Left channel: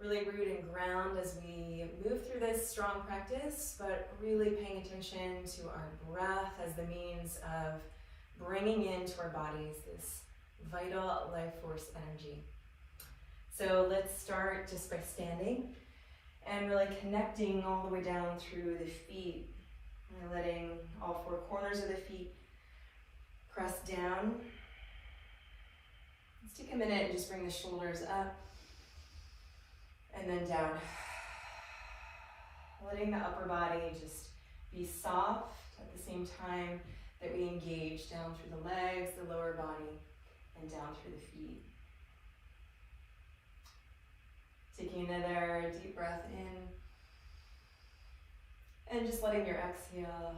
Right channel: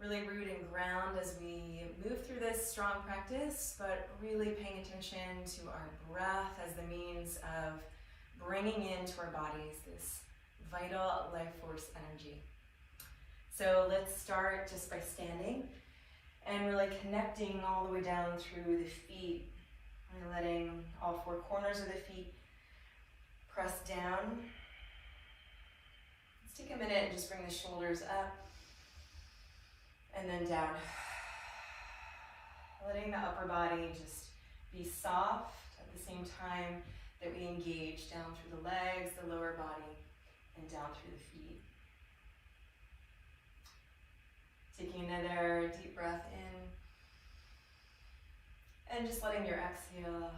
really root and ground as we move through this strong practice, but really paying attention to our breath as the means of bringing into our bodies this vital life force energy. So let's start just by standing and really connecting all the way down through the feet, and letting all four corners of the feet press down. Let's take a minute and just bring the shoulders up and then down. Letting the upper body just be soft at the same time that we engage down through the legs, the lower body, and down through the feet. Taking another deep breath in, and just letting your exhale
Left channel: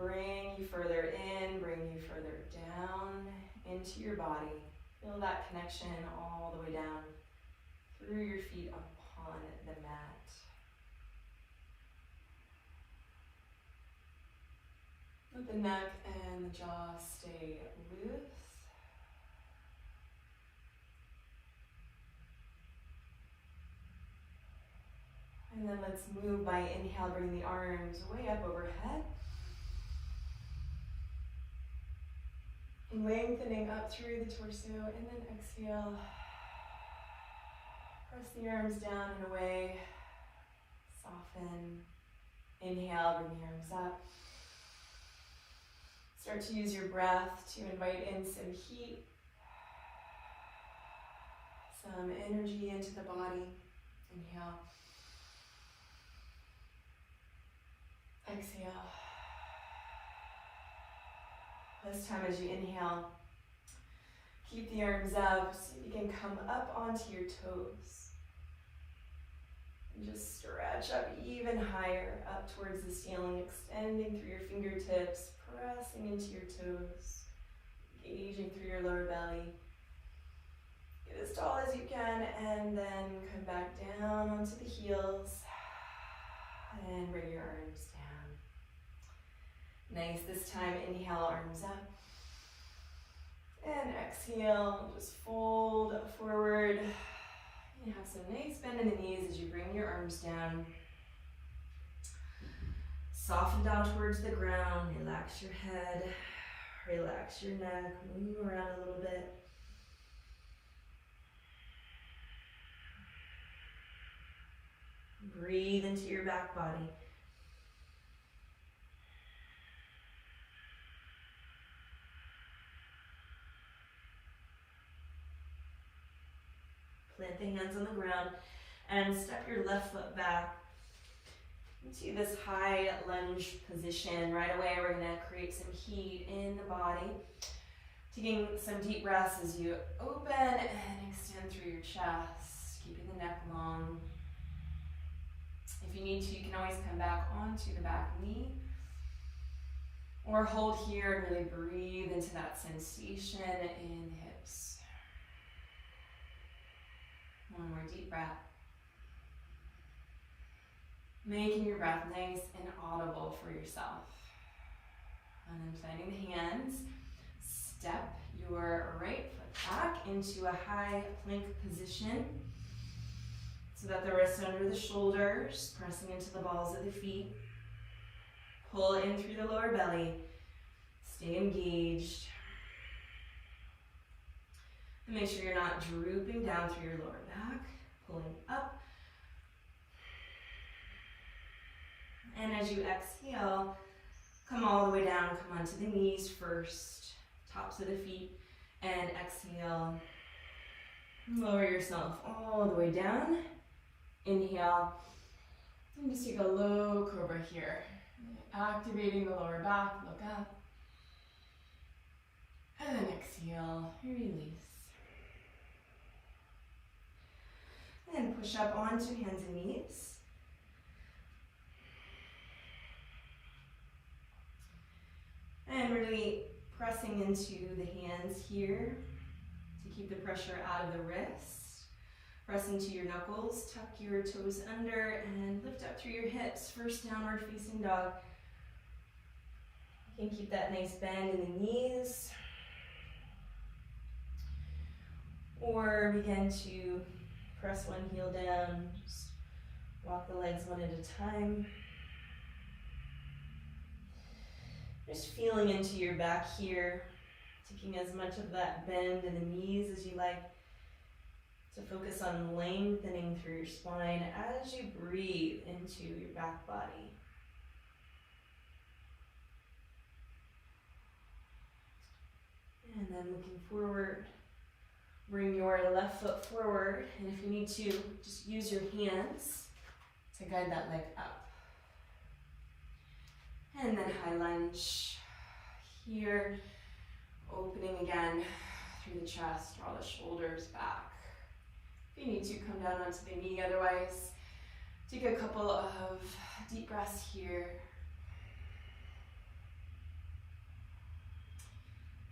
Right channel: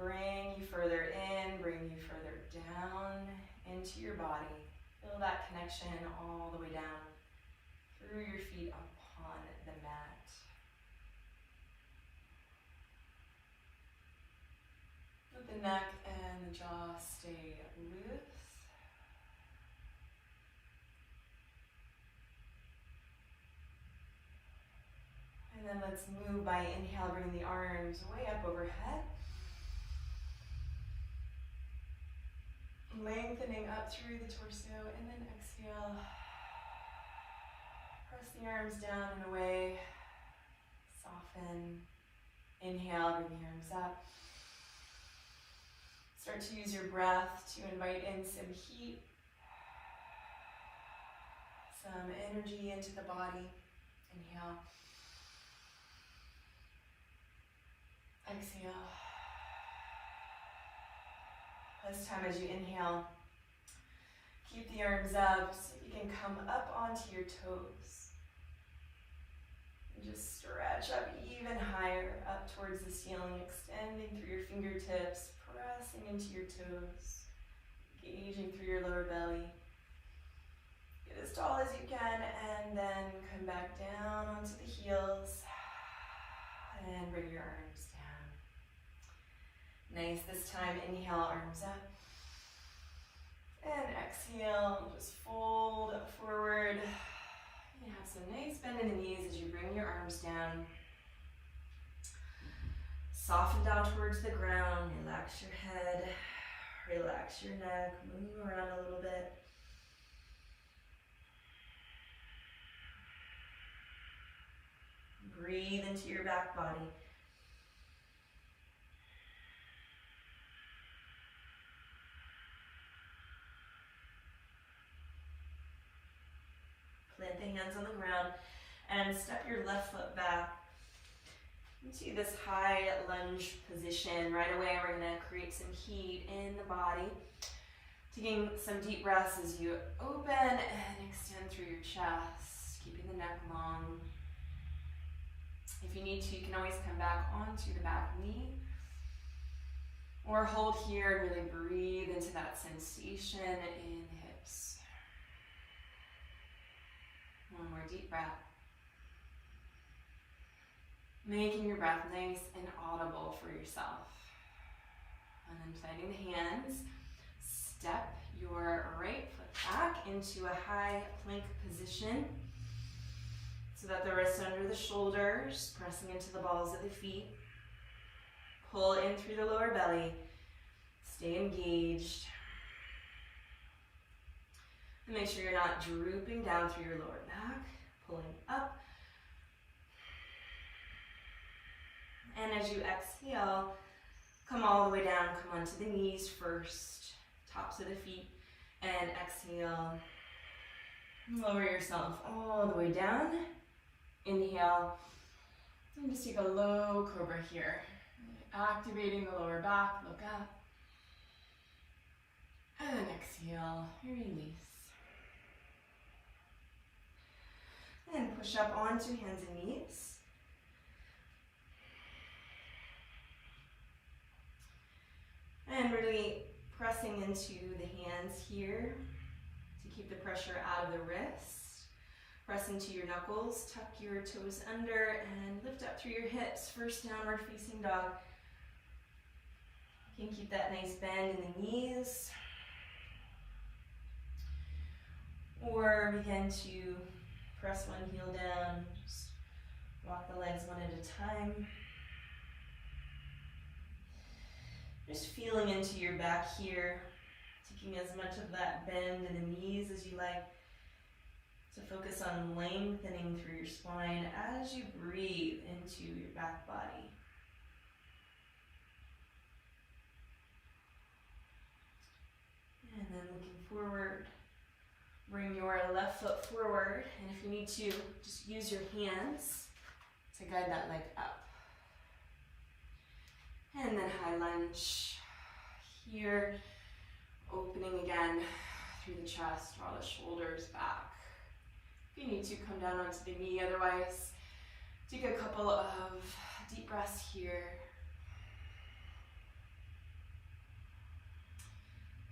bring you further in, bring you further down into your body. Feel that connection all the way down through your feet upon the mat. Let the neck and the jaw stay loose. And then let's move by inhale, bring the arms way up overhead. Lengthening up through the torso, and then exhale. Press the arms down and away. Soften. Inhale, bring the arms up. Start to use your breath to invite in some heat, some energy into the body. Inhale. Exhale. This time as you inhale, keep the arms up so you can come up onto your toes. And just stretch up even higher, up towards the ceiling, extending through your fingertips, pressing into your toes, engaging through your lower belly. Get as tall as you can, and then come back down onto the heels, and bring your arms down. Nice, this time inhale, arms up. And exhale, just fold forward. You have some nice bend in the knees as you bring your arms down. Soften down towards the ground, relax your head, relax your neck, move around a little bit. Breathe into your back body. Plant the hands on the ground and step your left foot back into this high lunge position. Right away, we're going to create some heat in the body. Taking some deep breaths as you open and extend through your chest, keeping the neck long. If you need to, you can always come back onto the back knee or hold here and really breathe into that sensation in the hips. One more deep breath. Making your breath nice and audible for yourself. And then planting the hands, step your right foot back into a high plank position so that the wrists under the shoulders, pressing into the balls of the feet. Pull in through the lower belly. Stay engaged. And make sure you're not drooping down through your lower back, pulling up. And as you exhale, come all the way down, come onto the knees first, tops of the feet, and exhale. Lower yourself all the way down. Inhale, and just take a low cobra here. Activating the lower back, look up. And exhale, release. And push up onto hands and knees. And really pressing into the hands here to keep the pressure out of the wrists. Press into your knuckles, tuck your toes under, and lift up through your hips. First downward facing dog. You can keep that nice bend in the knees. Or begin to press one heel down. Just walk the legs one at a time. Just feeling into your back here, taking as much of that bend in the knees as you like. So focus on lengthening through your spine as you breathe into your back body. And then looking forward, bring your left foot forward, and if you need to, just use your hands to guide that leg up. And then high lunge here, opening again through the chest, draw the shoulders back. If you need to, come down onto the knee, otherwise take a couple of deep breaths here.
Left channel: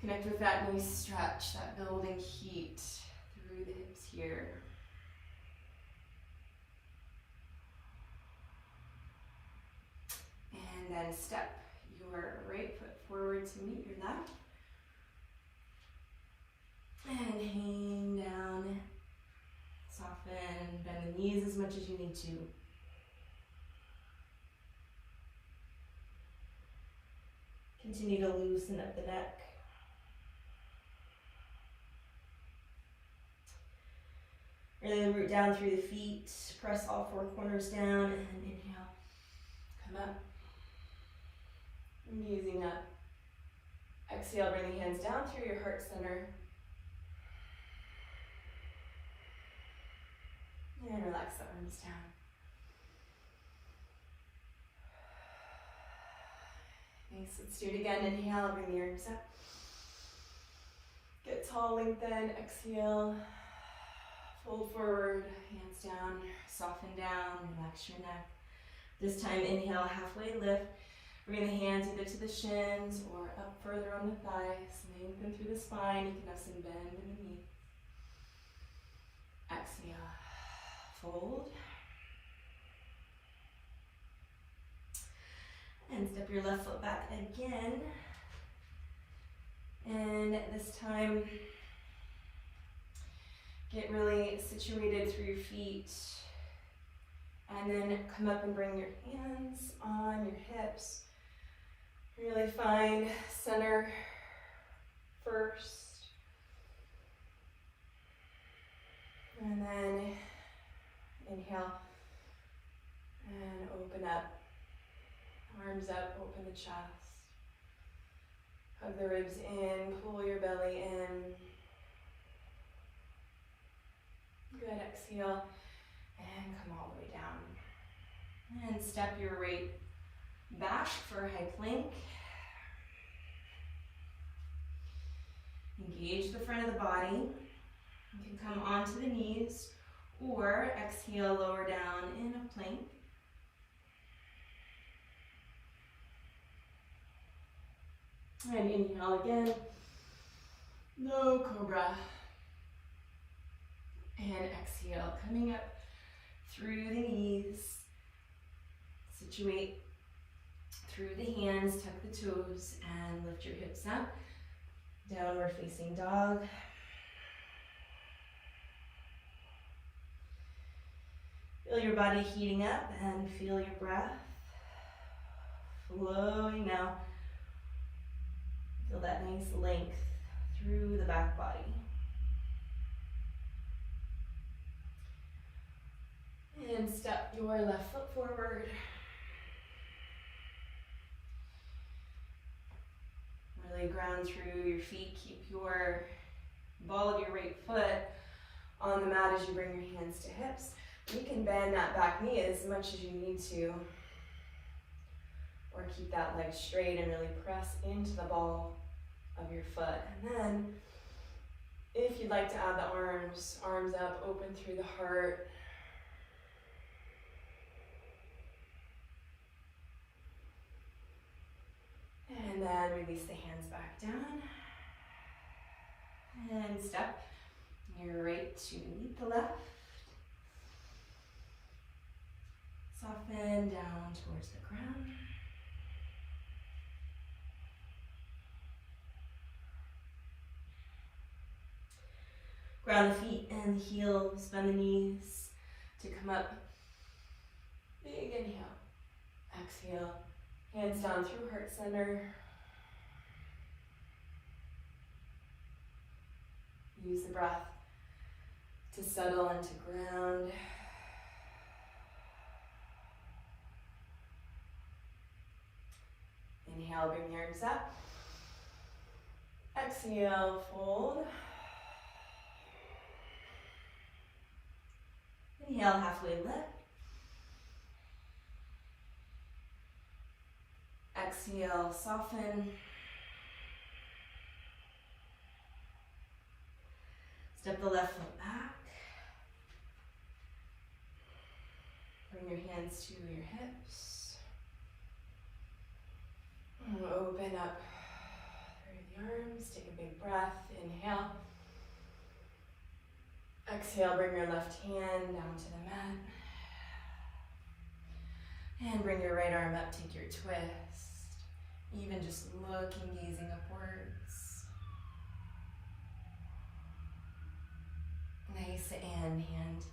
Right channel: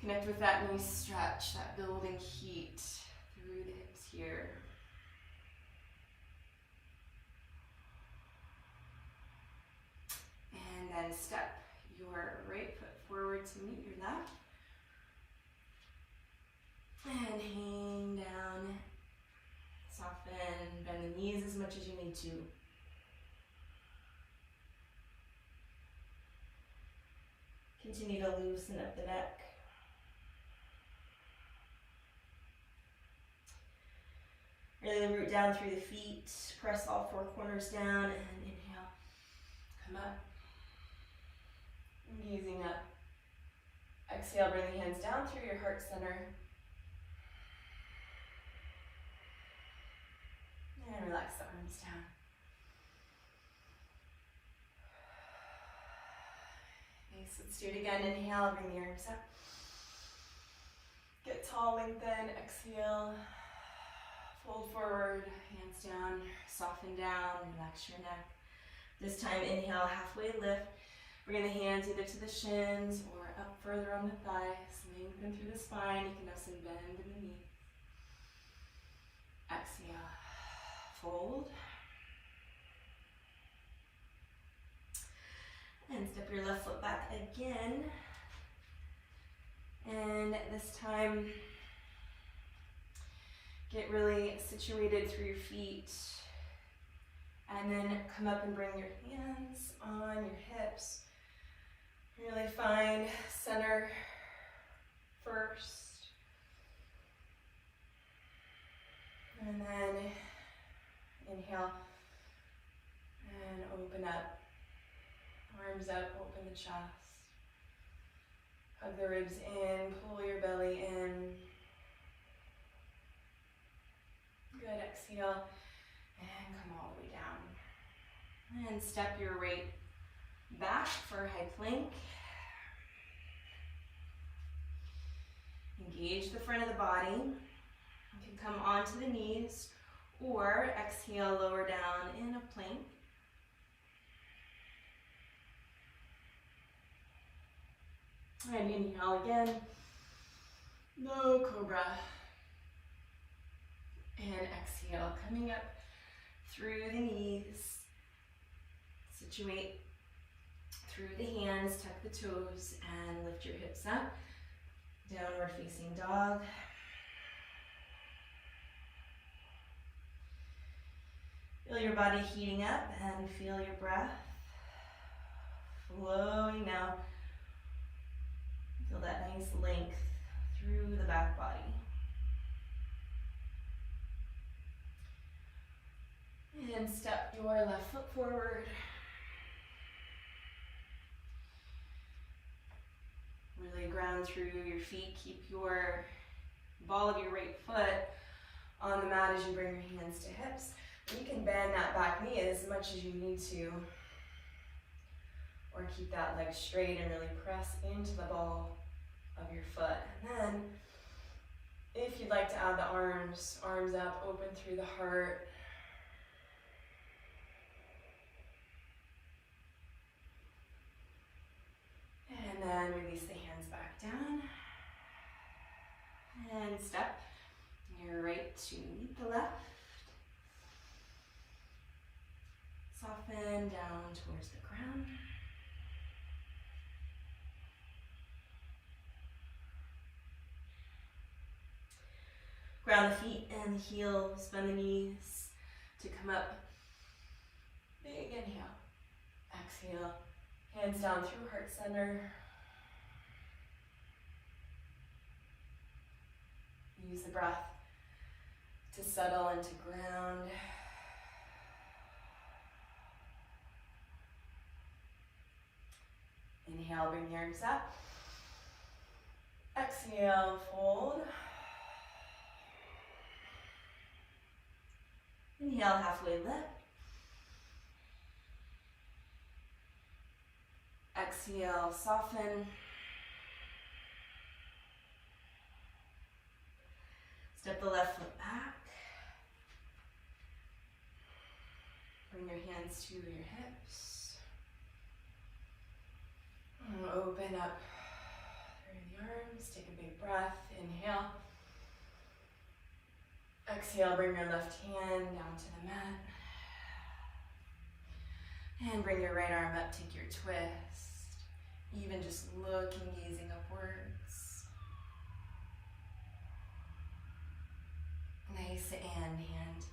Connect with that nice stretch, that building heat through the hips here. And then step your right foot forward to meet your left. And hang down. Soften, bend the knees as much as you need to. Continue to loosen up the neck. Really root down through the feet, press all four corners down, and inhale, come up. And using a exhale, bring the hands down through your heart center. And relax the arms down. Nice, let's do it again. Inhale, bring the arms up. Get tall, lengthen, exhale. Fold forward, hands down, soften down, relax your neck. This time, inhale, halfway lift. Bring the hands either to the shins or up further on the thighs. Lengthen through the spine. You can have some bend in the knee. Exhale, fold. And step your left foot back again. And this time, get really situated through your feet, and then come up and bring your hands on your hips. Really find center first, and then inhale, and open up, arms up, open the chest, hug the ribs in, pull your belly in. Good, exhale, and come all the way down. And step your right back for a high plank. Engage the front of the body. You can come onto the knees or exhale, lower down in a plank. And inhale again, no cobra. And exhale, coming up through the knees. Situate through the hands, tuck the toes, and lift your hips up. Downward facing dog. Feel your body heating up and feel your breath flowing out. Feel that nice length through the back body. And step your left foot forward. Really ground through your feet. Keep your ball of your right foot on the mat as you bring your hands to hips. You can bend that back knee as much as you need to, or keep that leg straight and really press into the ball of your foot. And then, if you'd like to add the arms up, open through the heart. And then release the hands back down. And step your right to meet the left. Soften down towards the ground. Ground the feet and the heels, bend the knees to come up. Big inhale. Exhale. Hands down through heart center. Use the breath to settle and to ground. Inhale, bring your arms up. Exhale, fold. Inhale, halfway lift. Exhale, soften. Step the left foot back. Bring your hands to your hips. And open up through the arms. Take a big breath. Inhale. Exhale, bring your left hand down to the mat. And bring your right arm up, take your twist. Even just looking, gazing upwards. Nice, and hand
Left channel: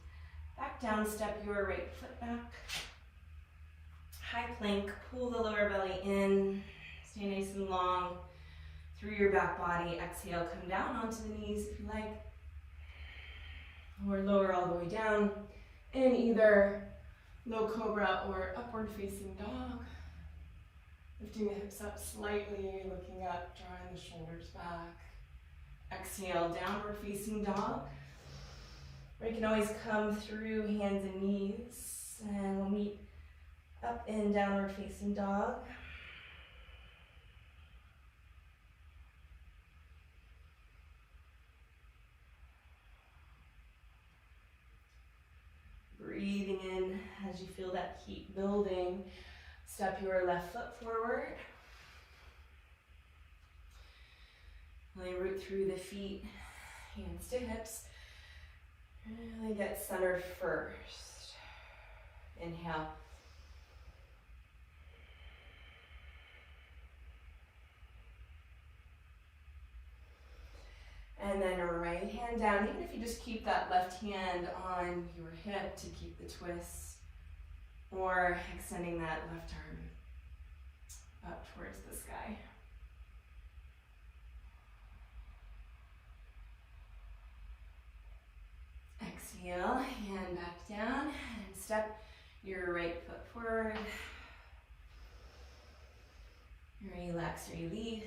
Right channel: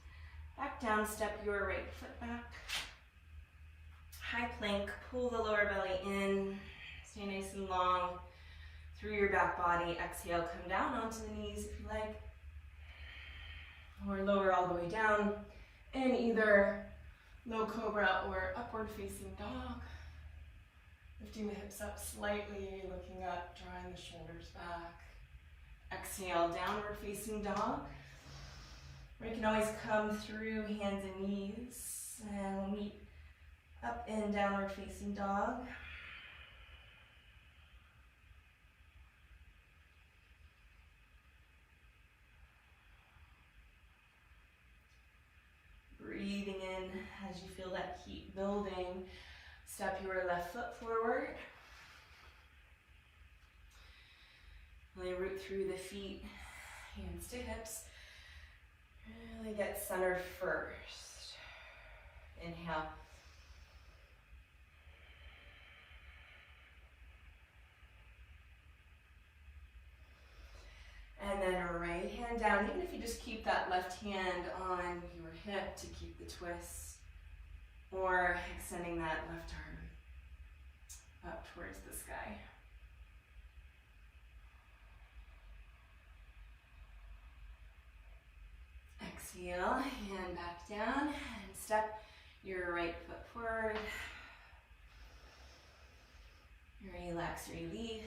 back down, step your right foot back. High plank, pull the lower belly in. Stay nice and long through your back body. Exhale, come down onto the knees if you like. Or lower all the way down in either low cobra or upward facing dog. Lifting the hips up slightly, looking up, drawing the shoulders back. Exhale, downward facing dog. Or you can always come through hands and knees and we'll meet up in downward facing dog. Breathing in as you feel that heat building. Step your left foot forward. Really root through the feet, hands to hips. Really get centered first. Inhale. And then right hand down, even if you just keep that left hand on your hip to keep the twist, or extending that left arm up towards the sky. Exhale, hand back down, and step your right foot forward. Relax, release.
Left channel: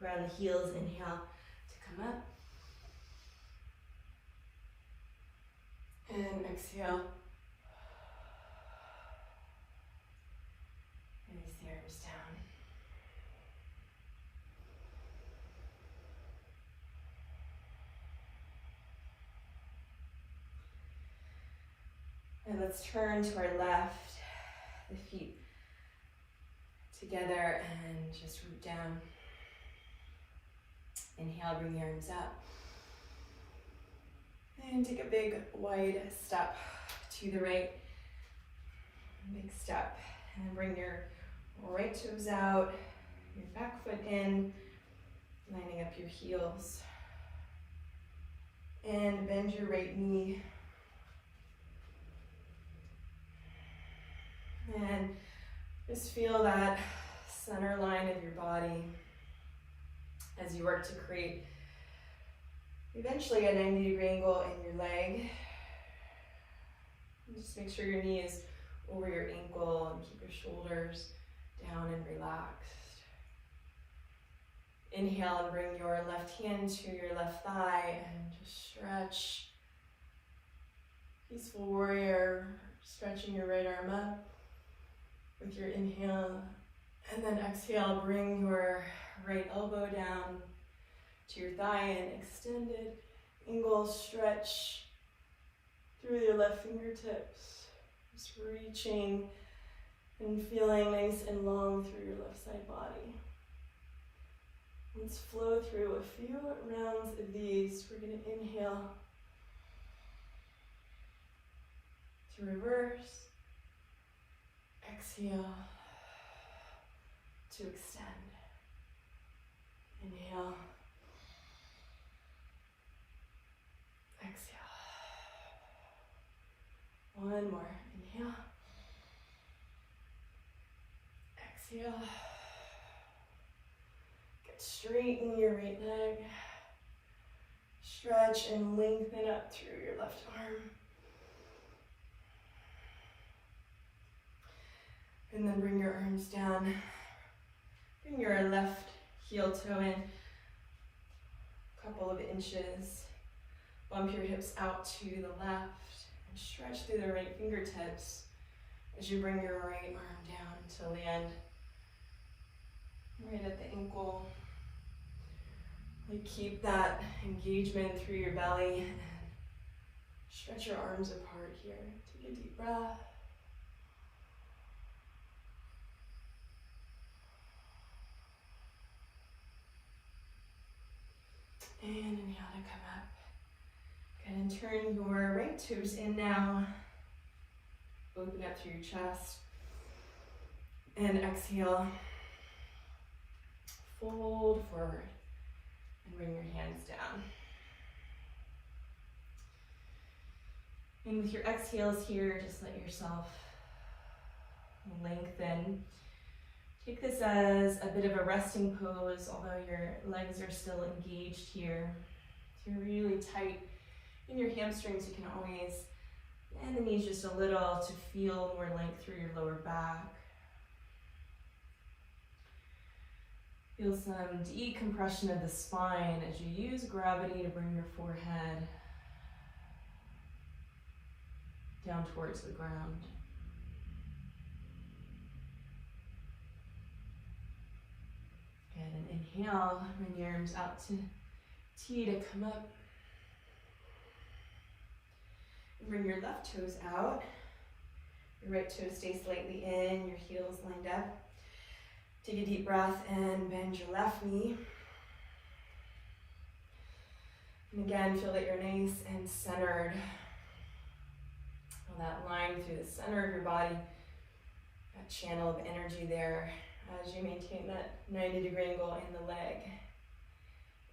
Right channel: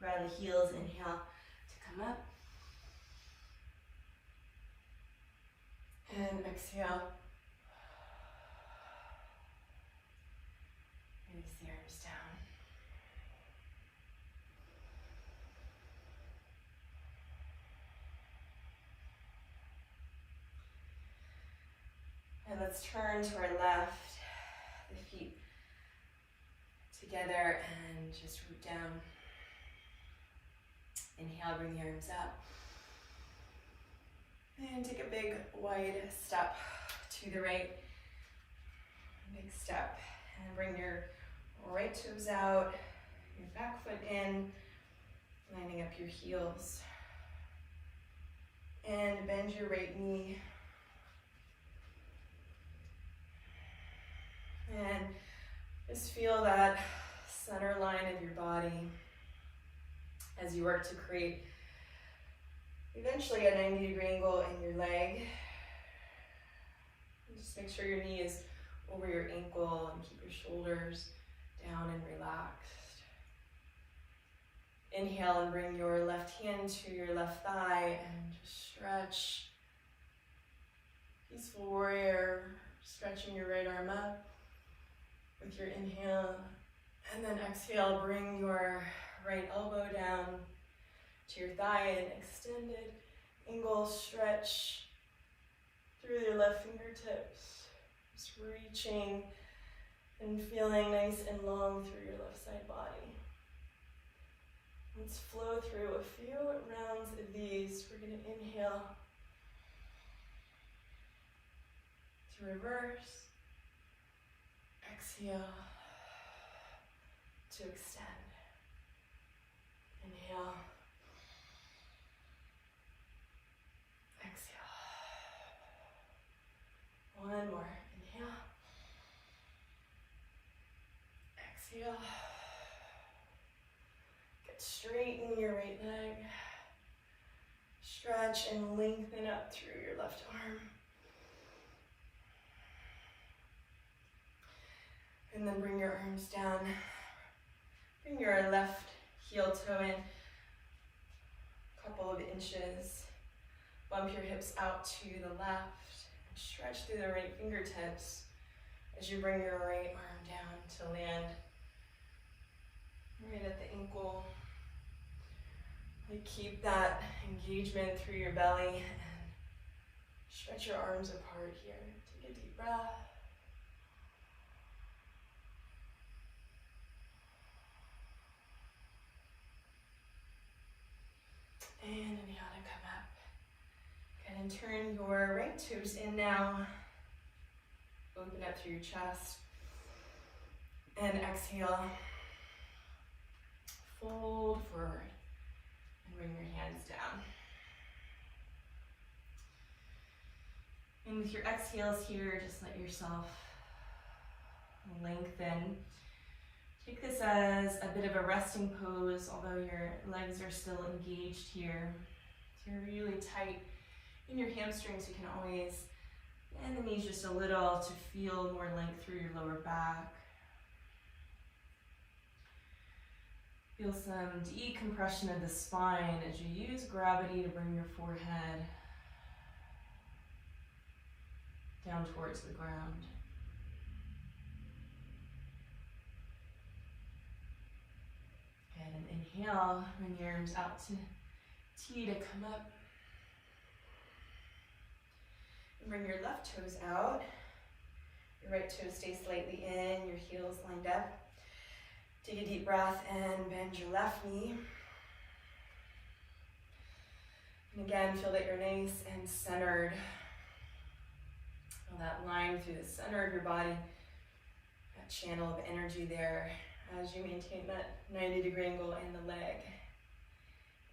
Ground the heels, inhale to come up. And exhale. Release the arms down. And let's turn to our left, the feet together and just root down. Inhale, bring the arms up. And take a big wide step to the right. Big step. And bring your right toes out, your back foot in, lining up your heels. And bend your right knee. And just feel that center line of your body as you work to create eventually a 90-degree angle in your leg. And just make sure your knee is over your ankle and keep your shoulders down and relaxed. Inhale and bring your left hand to your left thigh and just stretch. Peaceful warrior, stretching your right arm up with your inhale. And then exhale, bring your right elbow down to your thigh and extended angle stretch through your left fingertips. Just reaching and feeling nice and long through your left side body. Let's flow through a few rounds of these. We're going to inhale to reverse, exhale, to extend. Inhale. Exhale. One more. Inhale. Exhale. Get straighten your right leg. Stretch and lengthen up through your left arm. And then bring your arms down. Bring your left heel toe in a couple of inches. Bump your hips out to the left and stretch through the right fingertips as you bring your right arm down to land right at the ankle. You keep that engagement through your belly and stretch your arms apart here. Take a deep breath. And inhale to come up. And turn your right toes in now. Open up through your chest. And exhale. Fold forward. And bring your hands down. And with your exhales here, just let yourself lengthen. Take this as a bit of a resting pose, although your legs are still engaged here. If you're really tight in your hamstrings, you can always bend the knees just a little to feel more length through your lower back. Feel some decompression of the spine as you use gravity to bring your forehead down towards the ground. Good, and inhale, bring your arms out to T to come up. And bring your left toes out. Your right toes stay slightly in, your heels lined up. Take a deep breath and bend your left knee. And again, feel that you're nice and centered. Feel that line through the center of your body, that channel of energy there as you maintain that 90-degree angle in the leg.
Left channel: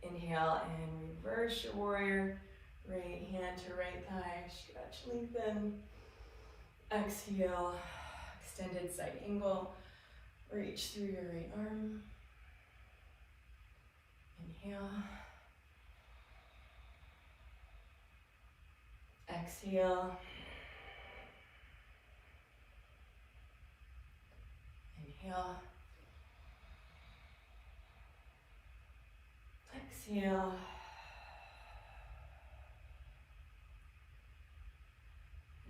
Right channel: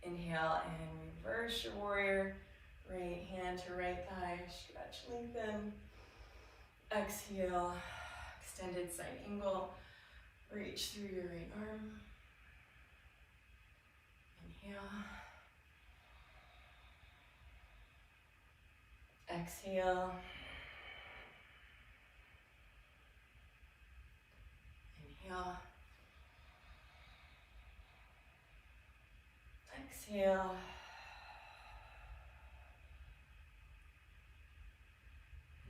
Inhale and reverse your warrior. Right hand to right thigh, stretch, lengthen. Exhale, extended side angle. Reach through your right arm. Inhale. Exhale. Inhale. Exhale.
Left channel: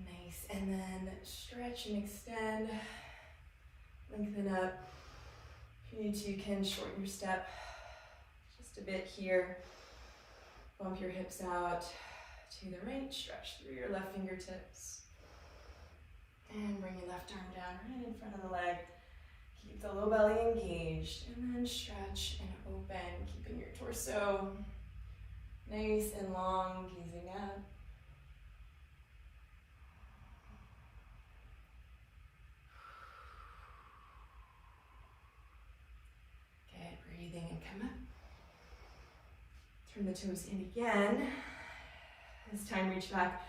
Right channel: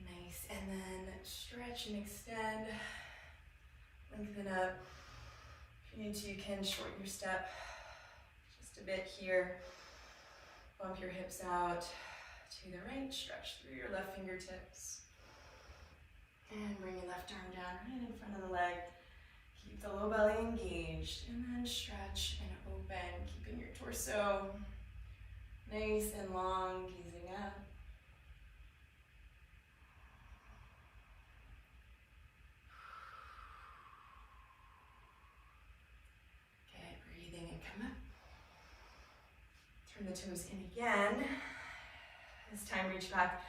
Nice. And then stretch and extend. Lengthen up. If you need to, you can shorten your step just a bit here. Bump your hips out to the right. Stretch through your left fingertips. And bring your left arm down right in front of the leg. Keep the low belly engaged. And then stretch and open, keeping your torso nice and long, gazing up. Breathing and come up. Turn the toes in again. This time reach back,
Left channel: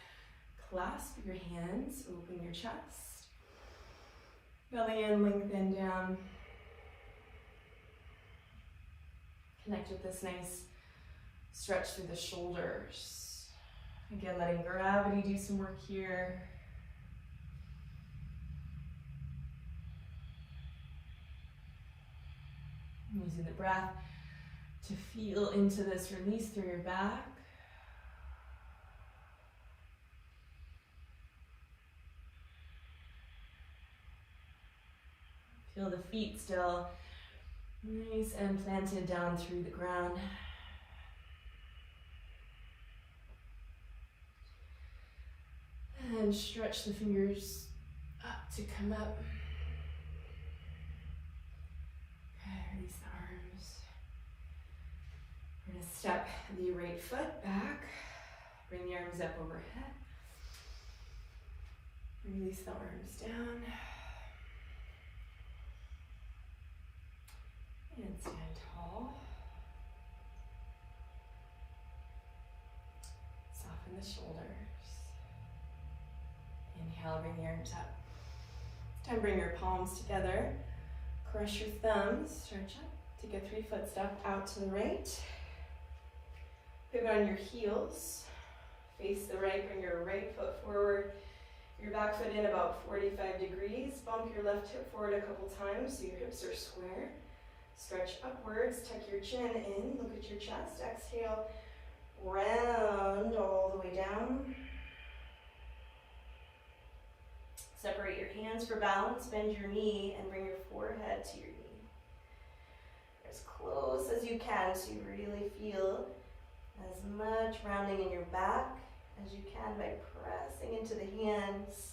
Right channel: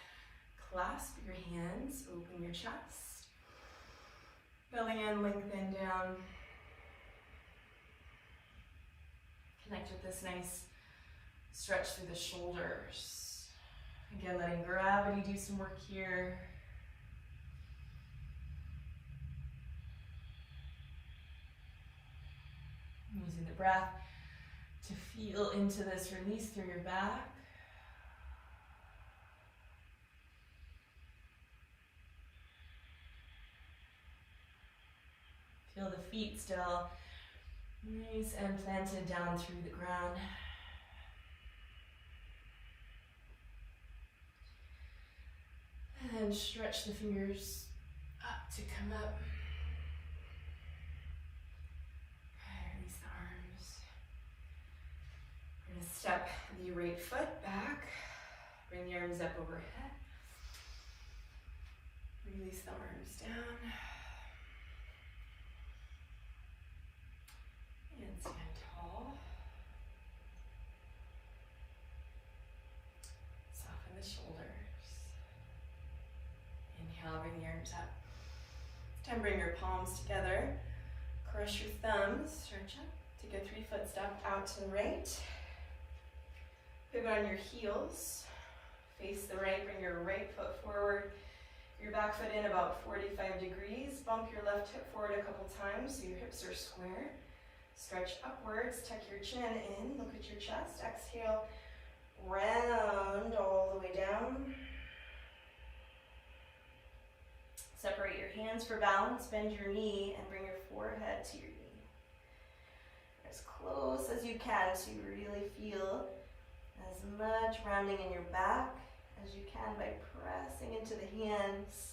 clasp your hands, open your chest. Belly in, lengthen down. Connect with this nice stretch through the shoulders. Again, letting gravity do some work here. Using the breath to feel into this release through your back. Feel the feet still nice and planted down through the ground. And stretch the fingers up to come up. Release the arms. We're going to step the right foot back. Bring the arms up overhead. Release the arms down. And stand tall. Soften the shoulders. Inhale, bring the arms up. Time, bring your palms together. Crush your thumbs, stretch up. Take a 3-foot step out to the right. Pivot on your heels. Face the right, bring your right foot forward. Your back foot in about 45 degrees. Bump your left hip forward a couple times so your hips are square. Stretch upwards, tuck your chin in, look at your chest. Exhale, round all the way down. Separate your hands for balance, bend your knee, and bring your forehead to your knee. As close as you can to really feel as much rounding in your back as you can by pressing into the hands.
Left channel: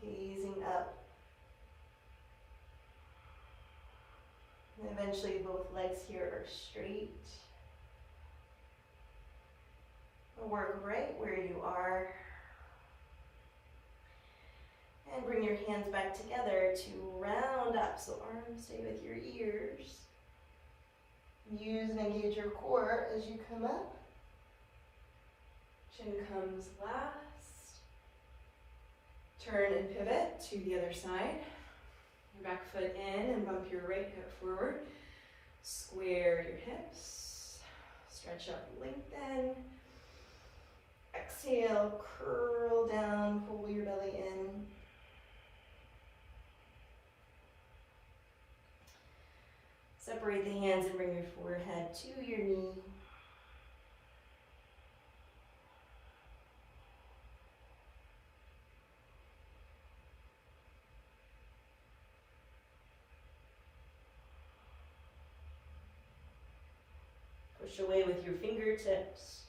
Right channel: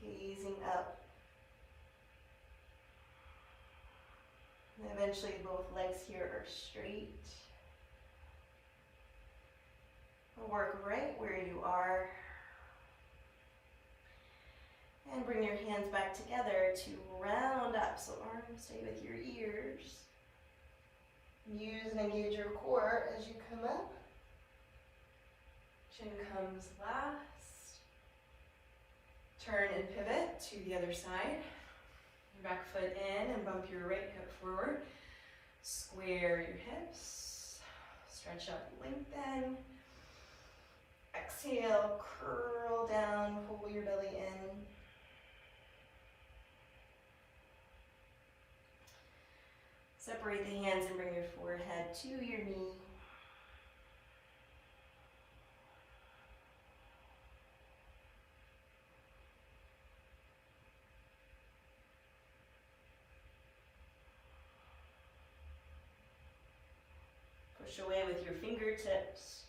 Gazing up. And eventually both legs here are straight. Work right where you are. And bring your hands back together to round up. So arms stay with your ears. Use and engage your core as you come up. Chin comes last. Turn and pivot to the other side. Back foot in and bump your right hip forward. Square your hips. Stretch up, lengthen. Exhale, curl down, pull your belly in. Separate the hands and bring your forehead to your knee. Push away with your fingertips.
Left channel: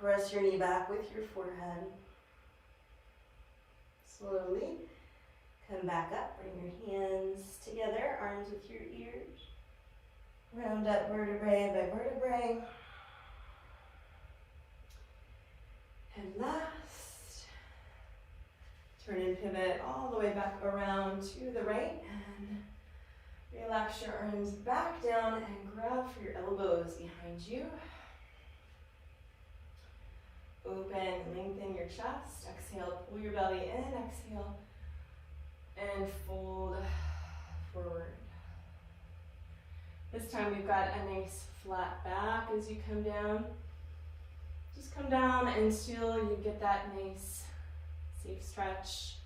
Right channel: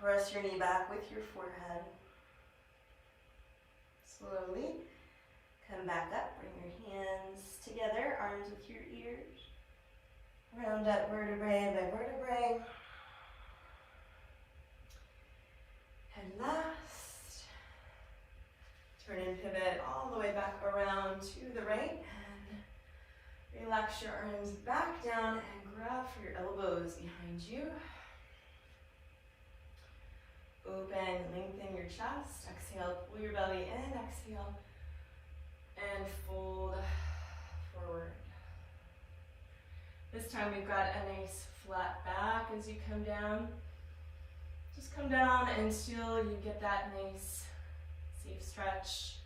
Press your knee back with your forehead. Slowly come back up, bring your hands together, arms with your ears. Round up vertebrae by vertebrae. And last, turn and pivot all the way back around to the right. And relax your arms back down and grab for your elbows behind you. Open, lengthen your chest. Exhale, pull your belly in. Exhale, and fold forward. This time we've got a nice flat back as you come down. Just come down until you get that nice safe stretch.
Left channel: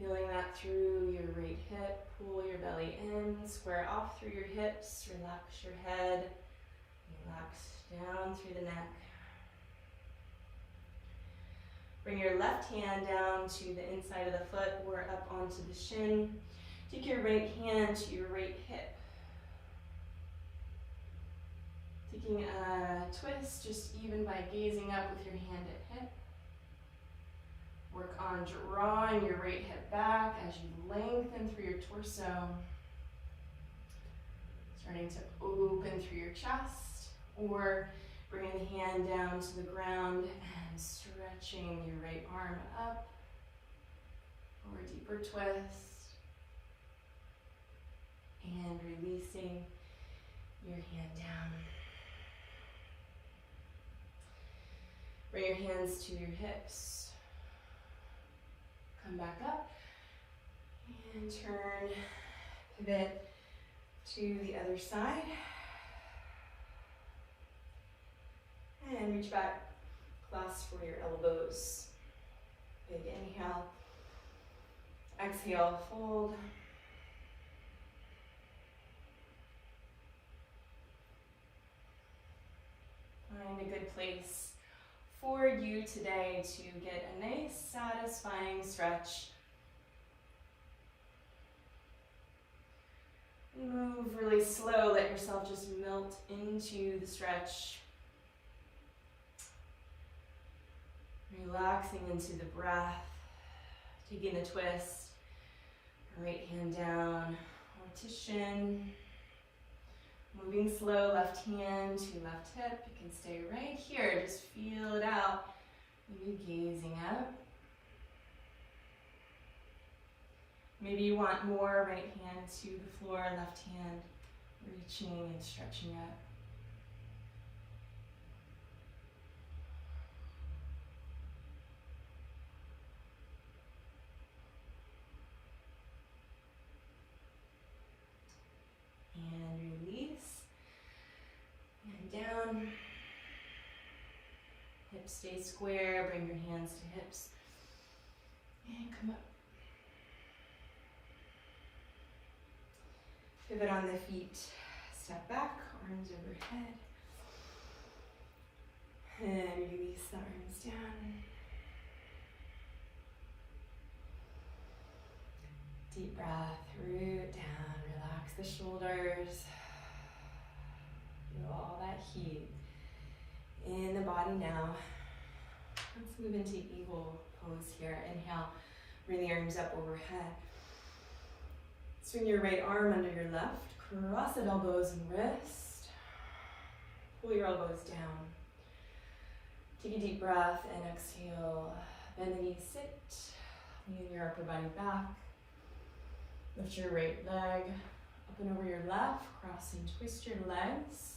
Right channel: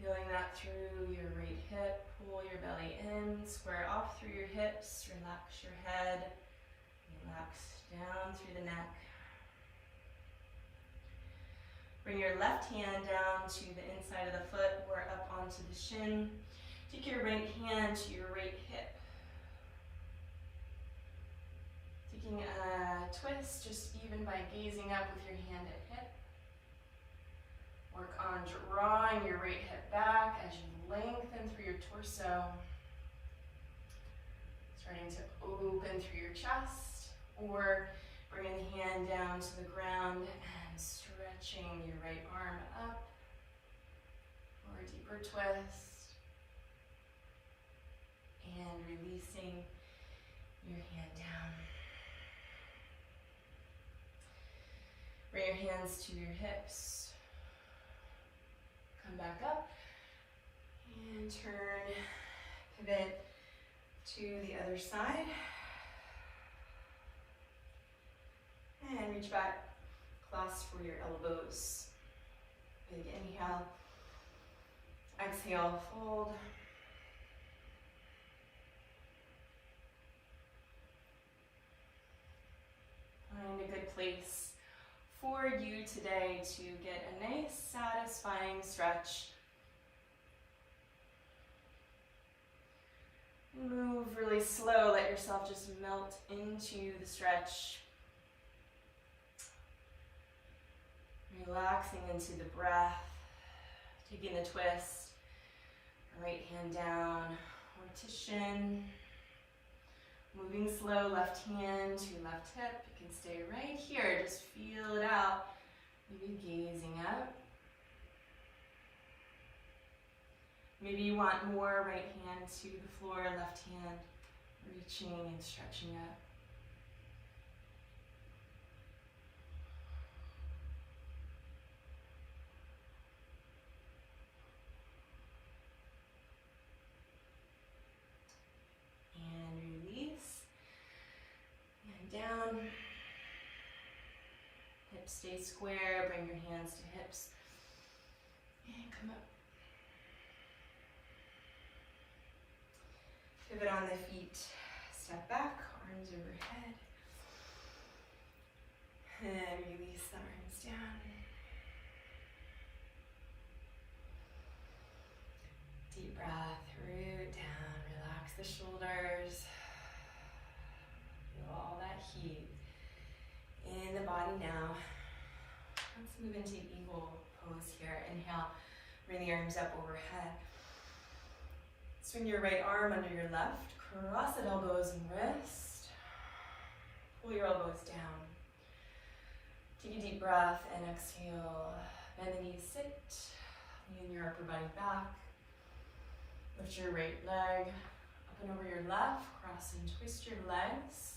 Feeling that through your right hip. Pull your belly in, square off through your hips. Relax your head. Relax down through the neck. Bring your left hand down to the inside of the foot or up onto the shin. Take your right hand to your right hip. Taking a twist, just even by gazing up with your hand at hip. Work on drawing your right hip back as you lengthen through your torso. Starting to open through your chest, or bringing the hand down to the ground and stretching your right arm up for a deeper twist. And releasing your hand down. Bring your hands to your hips. Come back up and turn, pivot to the other side. And reach back, clasp for your elbows. Big inhale. Exhale, fold. Find a good place for you today to get a nice, satisfying stretch. Move really slow, let yourself just melt into the stretch. Relaxing into the breath, taking a twist, right hand down, rotation. Moving slow, left hand to left hip. You can stay right here, just feel it out. Maybe gazing up. Maybe you want more right hand to the floor and left hand reaching and stretching up. And release. And down. Hips stay square. Bring your hands to hips. And come up. Pivot on the feet. Step back. Arms overhead. And release the arms down. Deep breath. Root down. Relax the shoulders. Feel all that heat in the body now. Let's move into eagle pose here. Inhale, bring the arms up overhead. Swing your right arm under your left. Cross the elbows and wrist. Pull your elbows down. Take a deep breath and exhale. Bend the knees, sit. Lean your upper body back. Lift your right leg up and over your left. Cross and twist your legs.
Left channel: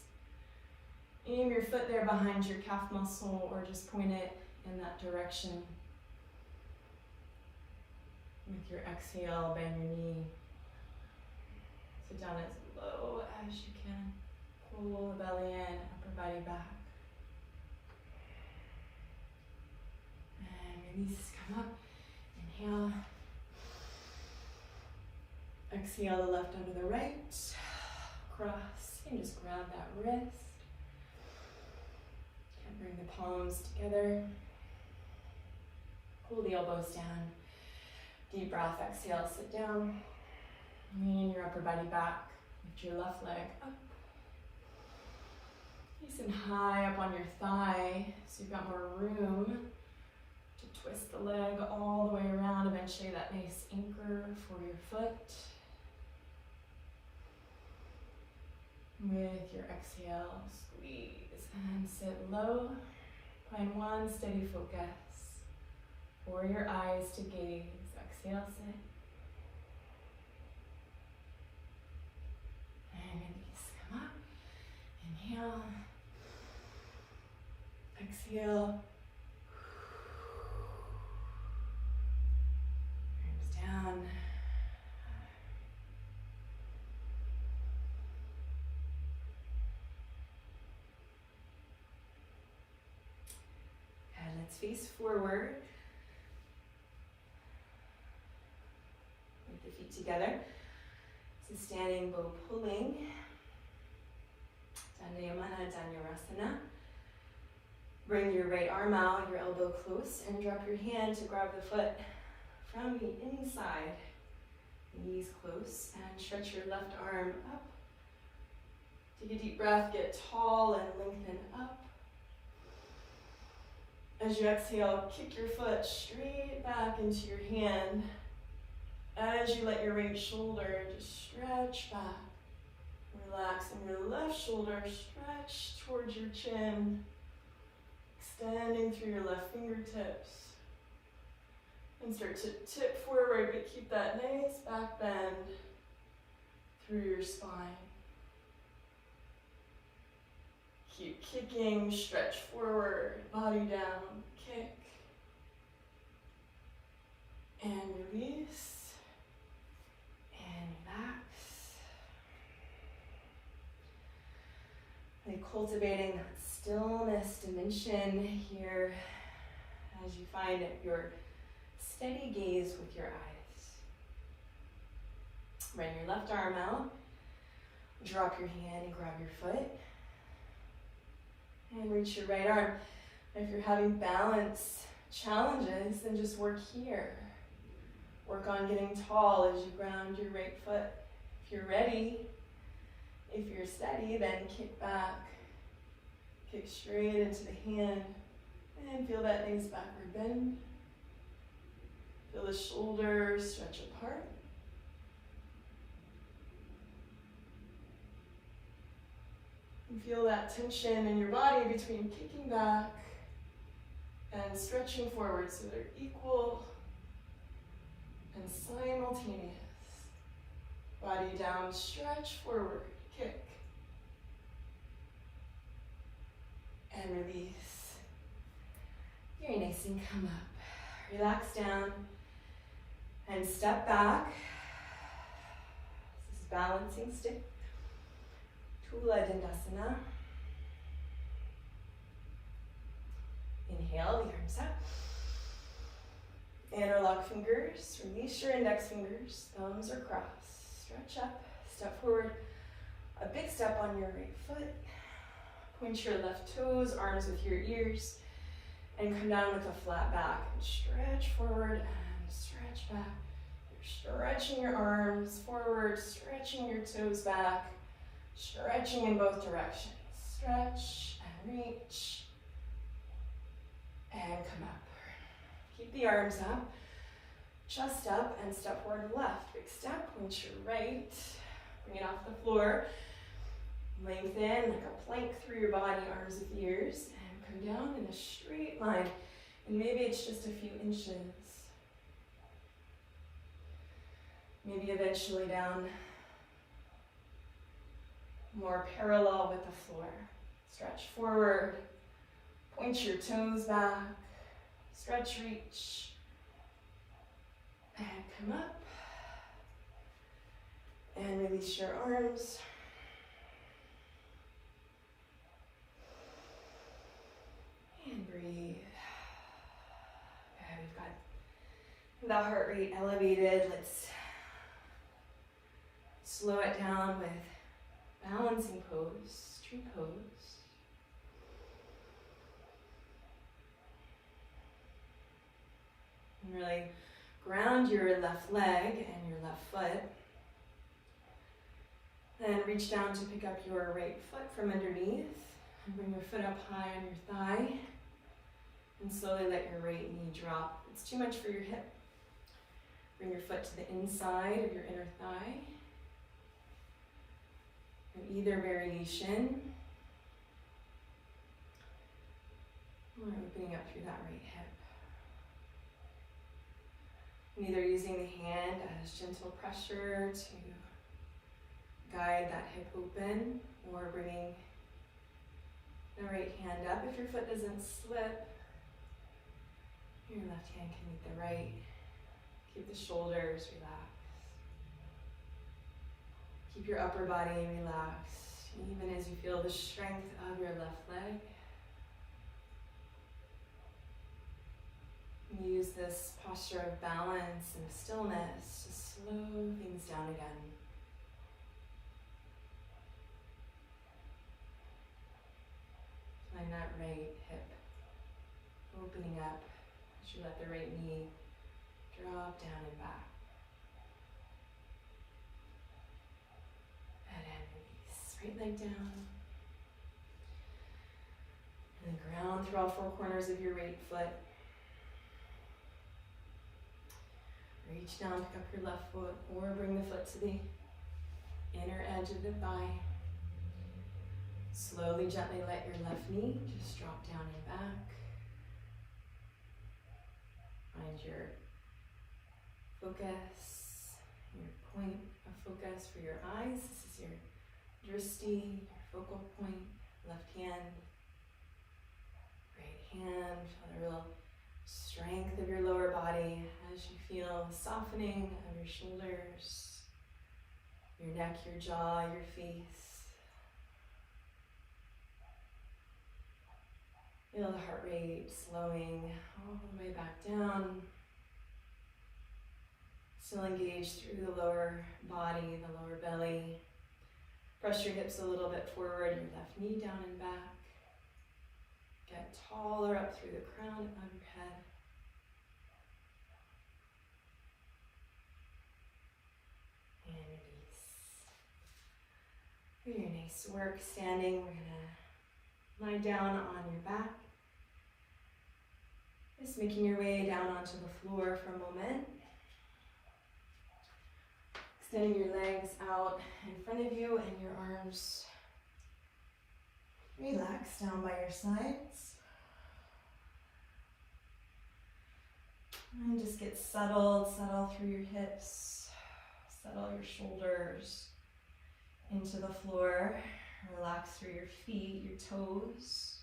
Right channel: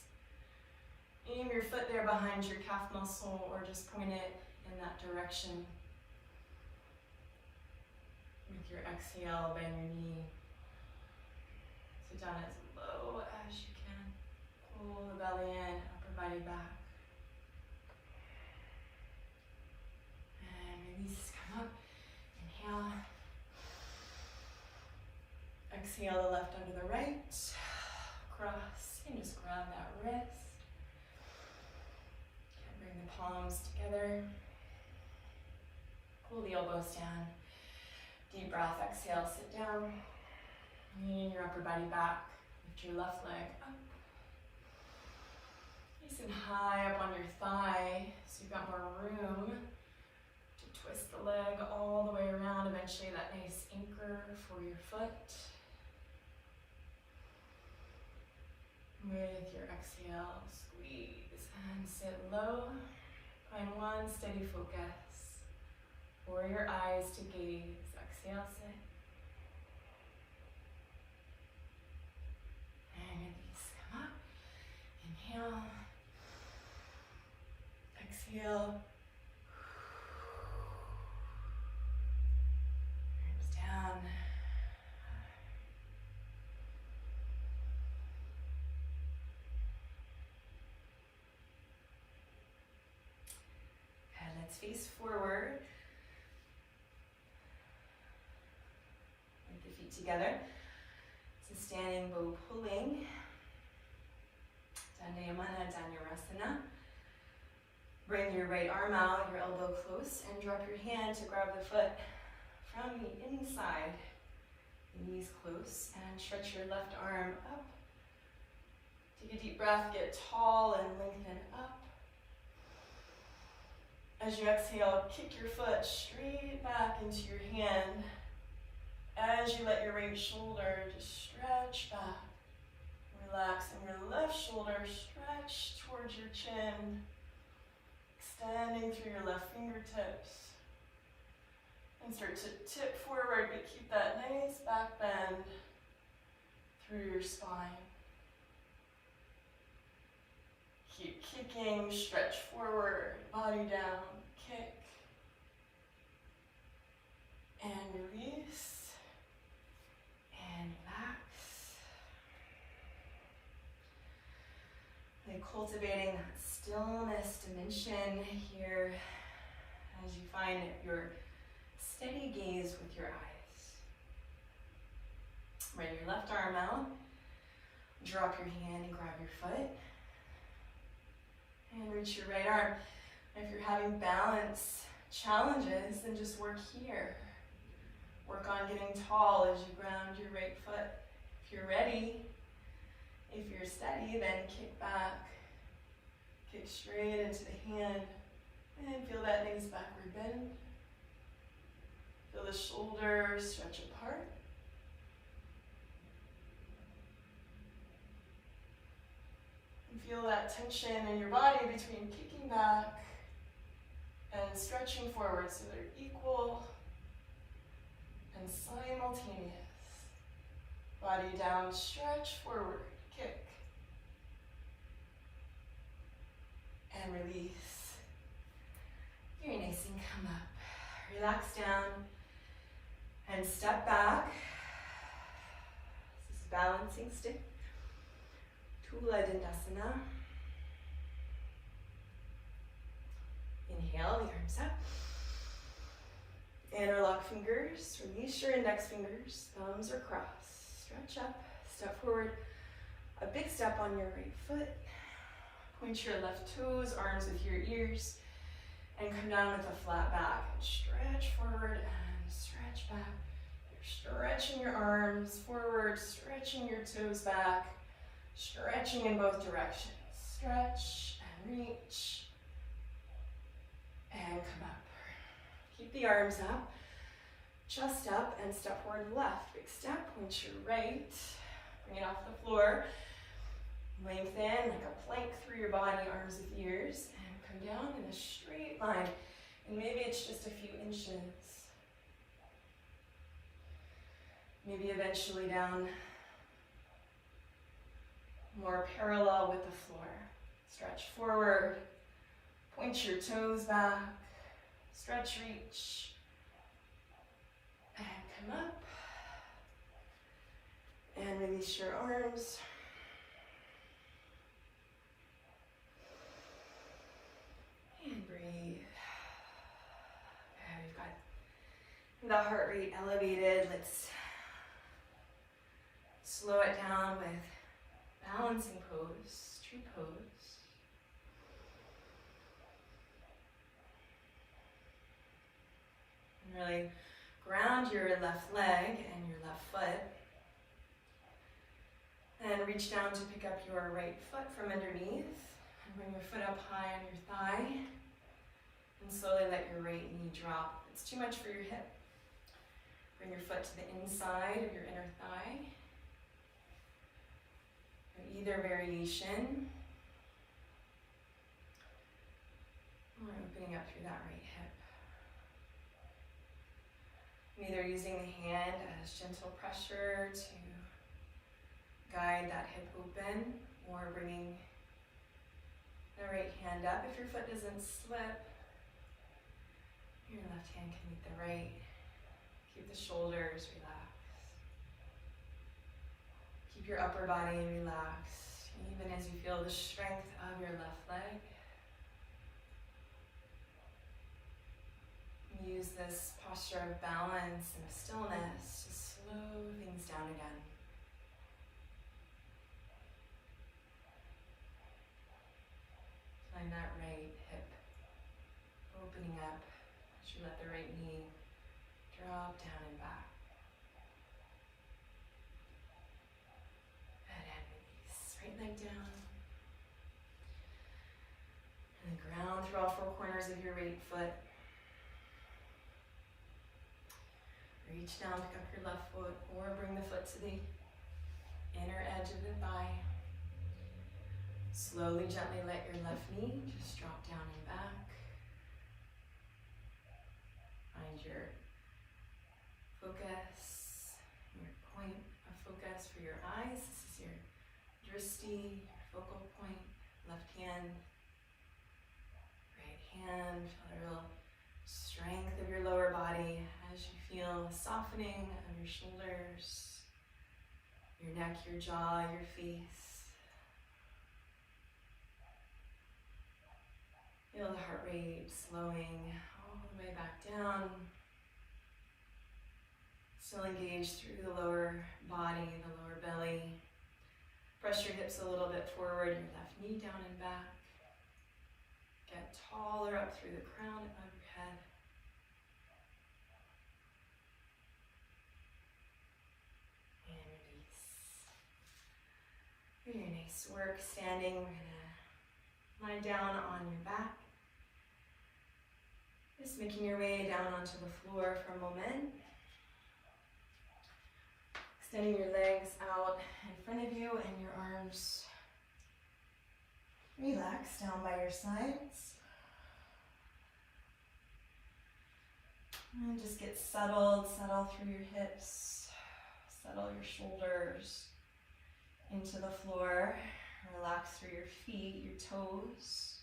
Aim your foot there behind your calf muscle or just point it in that direction. With your exhale, bend your knee. Sit down as low as you can. Pull the belly in, upper body back. And release, come up. Inhale. Exhale the left under the right. Cross, and just grab that wrist. And bring the palms together. Pull the elbows down. Deep breath, exhale, sit down. Lean your upper body back. Lift your left leg up. Nice and high up on your thigh, so you've got more room to twist the leg all the way around. Eventually that nice anchor for your foot. With your exhale, squeeze and sit low. Find one steady focus. Or your eyes to gaze. Exhale, sit. And release, come up. Inhale. Exhale. Arms down. And let's face forward. Make the feet together. So standing bow pulling. Dandayamana, Dhanurasana. Bring your right arm out, your elbow close, and drop your hand to grab the foot from the inside. The knees close, and stretch your left arm up. Take a deep breath, get tall and lengthen up. As you exhale, kick your foot straight back into your hand. As you let your right shoulder just stretch back. Relaxing your left shoulder, stretch towards your chin. Extending through your left fingertips. And start to tip forward, but keep that nice back bend through your spine. Keep kicking, stretch forward, body down, kick. And release. And relax. And cultivating that stillness dimension here as you find your steady gaze with your eyes. Bring your left arm out. Drop your hand and grab your foot. And reach your right arm. If you're having balance challenges, then just work here. Work on getting tall as you ground your right foot. If you're ready, if you're steady, then kick back. Kick straight into the hand. And feel that nice backward bend. Feel the shoulders stretch apart. And feel that tension in your body between kicking back and stretching forward so they're equal. and simultaneous. Body down, stretch forward, kick. And release. Very nice, and come up. Relax down and step back. This is balancing stick. Tula Dandasana. Inhale, the arms up. Interlock fingers, release your index fingers, thumbs are crossed. Stretch up, step forward. A big step on your right foot. Point your left toes, arms with your ears, and come down with a flat back. And stretch forward and stretch back. You're stretching your arms forward, stretching your toes back, stretching in both directions. Stretch and reach and come up. Keep the arms up, chest up, and step forward to left. Big step, point your right, bring it off the floor. Lengthen like a plank through your body, arms with ears, and come down in a straight line. And maybe it's just a few inches. Maybe eventually down more parallel with the floor. Stretch forward, point your toes back, stretch, reach, and come up. And release your arms. And breathe. Okay, we've got the heart rate elevated. Let's slow it down with balancing pose, tree pose. And really ground your left leg and your left foot. And reach down to pick up your right foot from underneath. And bring your foot up high on your thigh. And slowly let your right knee drop. It's too much for your hip. Bring your foot to the inside of your inner thigh. In either variation. Or opening up through that right hip. Either using the hand as gentle pressure to guide that hip open, or bringing the right hand up. If your foot doesn't slip, your left hand can meet the right. Keep the shoulders relaxed. Keep your upper body relaxed, even as you feel the strength of your left leg. Use this posture of balance and stillness to slow things down again. Find that right hip opening up as you let the right knee drop down and back. And then release. Right leg down. And then ground through all four corners of your right foot. Reach down, pick up your left foot, or bring the foot to the inner edge of the thigh. Slowly, gently let your left knee just drop down and back. Find your focus, your point of focus for your eyes. This is your drishti, your focal point. Left hand, right hand. Feel a real strength of your lower body as you feel softening of your shoulders, your neck, your jaw, your face. Feel the heart rate slowing all the way back down. Still engaged through the lower body, the lower belly. Press your hips a little bit forward, your left knee down and back. Get taller up through the crown of your head. And release. Very nice work standing. We're gonna lie down on your back. Just making your way down onto the floor for a moment. Extending your legs out in front of you and your arms relax down by your sides. And just get settled, settle through your hips, settle your shoulders into the floor. Relax through your feet, your toes,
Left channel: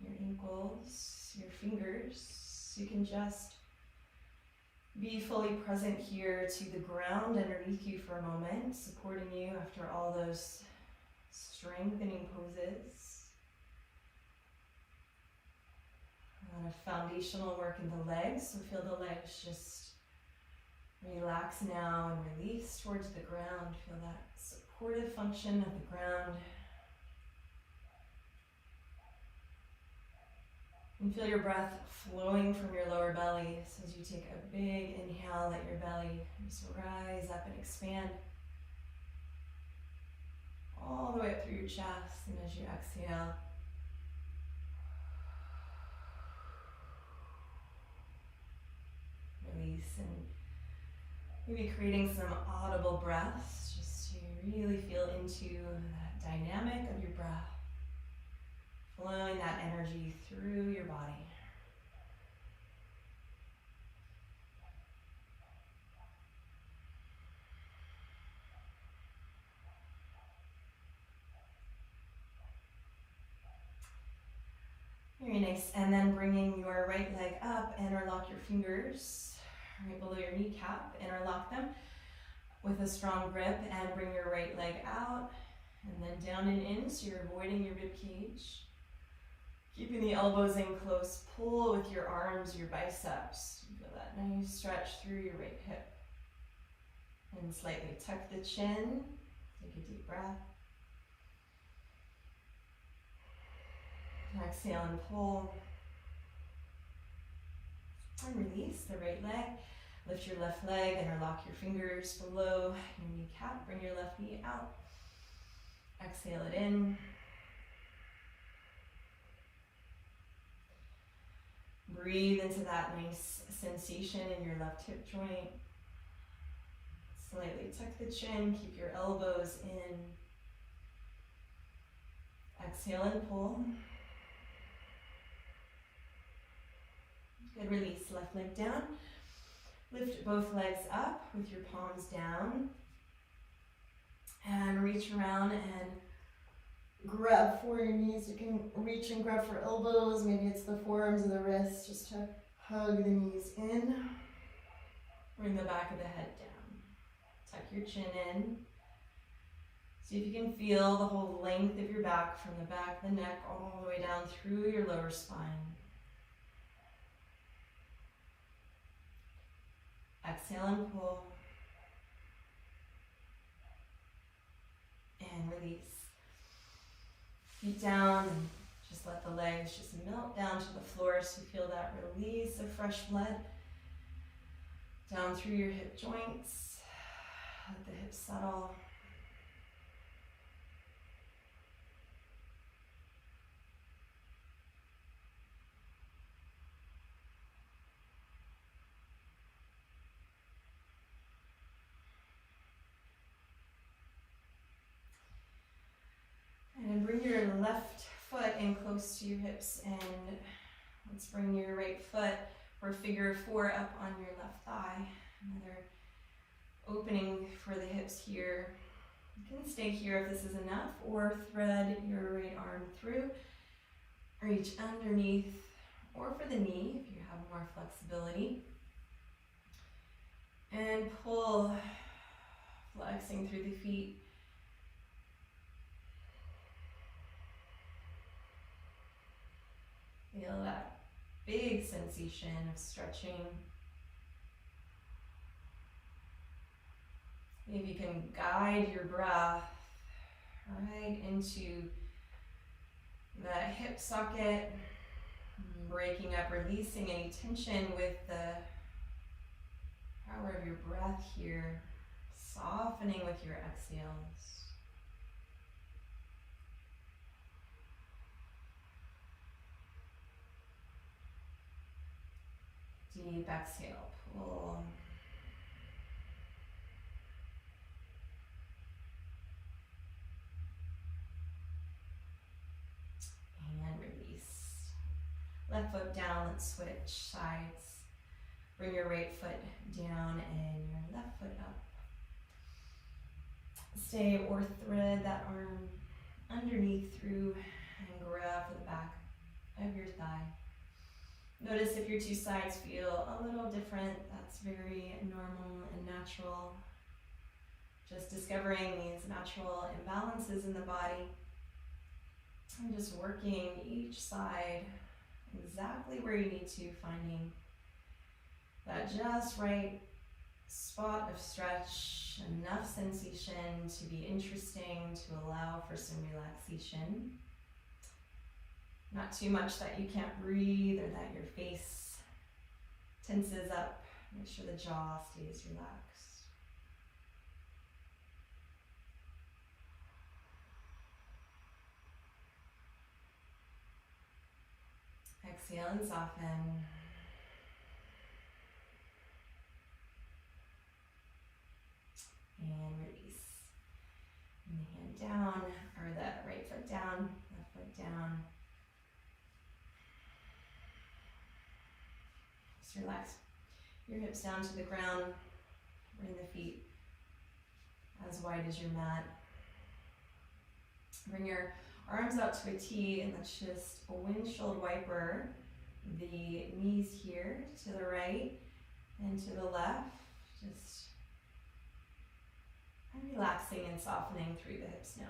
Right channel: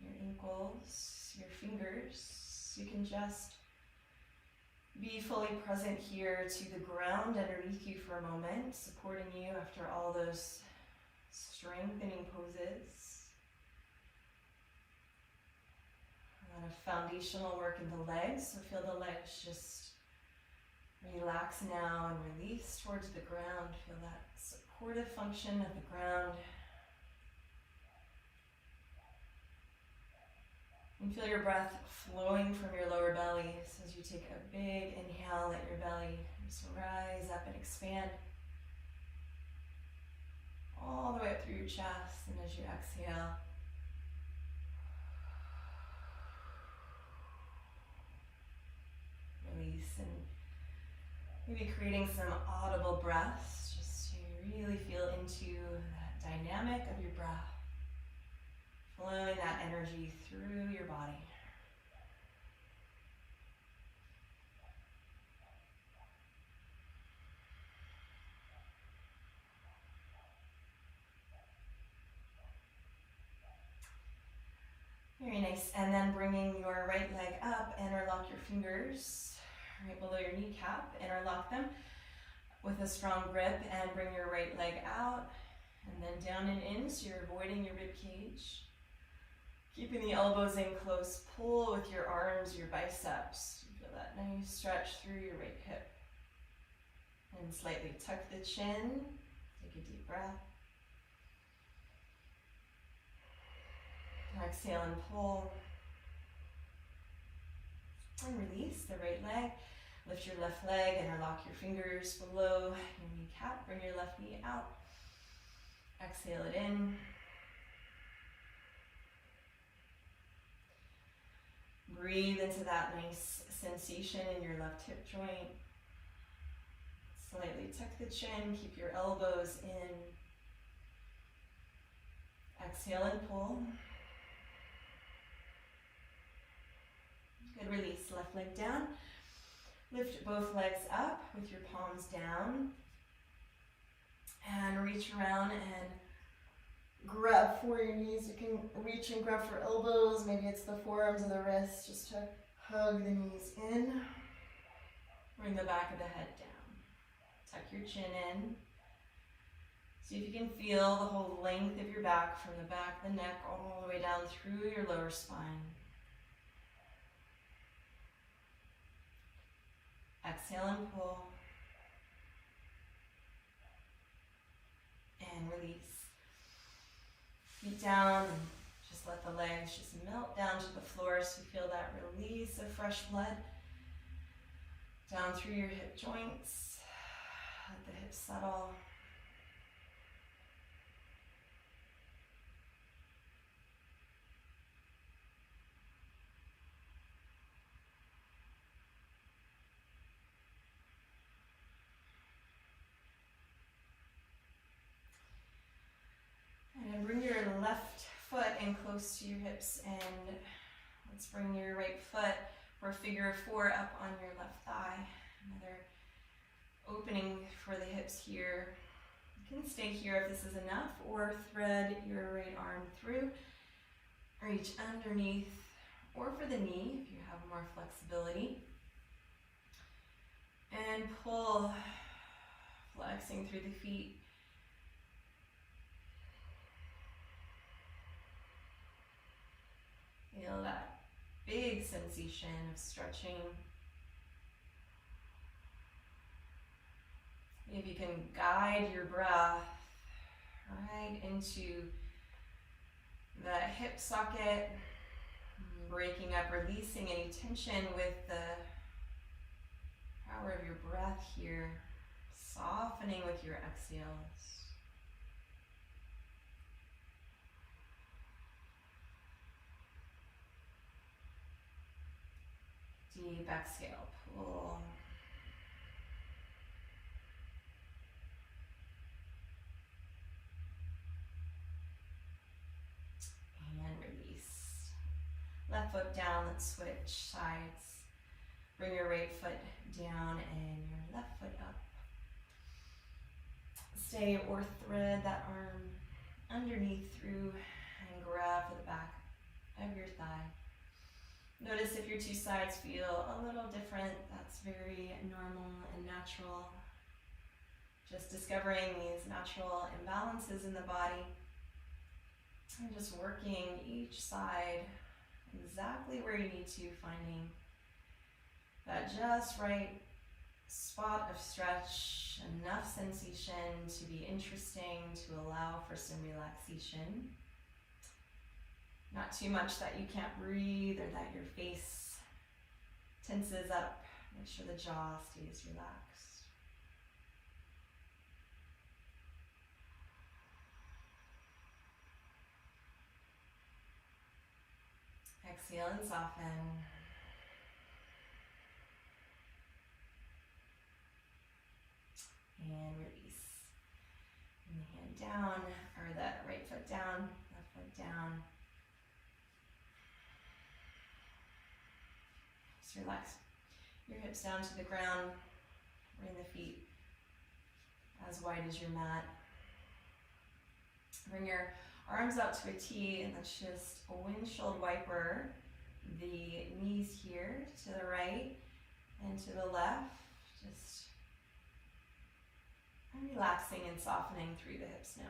your ankles, your fingers. You can just be fully present here to the ground underneath you for a moment, supporting you after all those strengthening poses. A lot of foundational work in the legs, so feel the legs just relax now and release towards the ground. Feel that supportive function of the ground. And feel your breath flowing from your lower belly. So as you take a big inhale, let your belly just rise up and expand all the way up through your chest. And as you exhale, release, and maybe creating some audible breaths just to really feel into that dynamic of your breath, flowing that energy through your body. Very nice. And then bringing your right leg up, interlock your fingers right below your kneecap, interlock them with a strong grip, and bring your right leg out and then down and in, so you're avoiding your rib cage. Keeping the elbows in close, pull with your arms, your biceps. You feel that nice stretch through your right hip. And slightly tuck the chin, take a deep breath. Exhale and pull. And release the right leg. Lift your left leg, interlock your fingers below your kneecap. Bring your left knee out. Exhale it in. Breathe into that nice sensation in your left hip joint. Slightly tuck the chin, keep your elbows in. Exhale and pull. Good, release, left leg down. Lift both legs up with your palms down. And reach around and grab for your knees. You can reach and grab for elbows. Maybe it's the forearms of the wrists, just to hug the knees in. Bring the back of the head down. Tuck your chin in. See if you can feel the whole length of your back, from the back of the neck all the way down through your lower spine. Exhale and pull. And release. Feet down, and just let the legs just melt down to the floor, so you feel that release of fresh blood down through your hip joints. Let the hips settle. And bring your left foot in close to your hips, and let's bring your right foot for figure four up on your left thigh. Another opening for the hips here. You can stay here if this is enough, or thread your right arm through, reach underneath, or for the knee if you have more flexibility. And pull, flexing through the feet. Feel that big sensation of stretching. If you can guide your breath right into that hip socket, breaking up, releasing any tension with the power of your breath here, softening with your exhales. Deep exhale, pull. And release. Left foot down, let's switch sides. Bring your right foot down and your left foot up. Stay or thread that arm underneath through and grab the back of your thigh. Notice if your two sides feel a little different. That's very normal and natural. Just discovering these natural imbalances in the body and just working each side exactly where you need to, finding that just right spot of stretch, enough sensation to be interesting, to allow for some relaxation. Not too much that you can't breathe or that your face tenses up. Make sure the jaw stays relaxed. Exhale and soften. And release. And hand down, or the right foot down, left foot down. Just relax your hips down to the ground. Bring the feet as wide as your mat. Bring your arms out to a T, and let's just windshield wiper the knees here to the right and to the left. Just relaxing and softening through the hips now.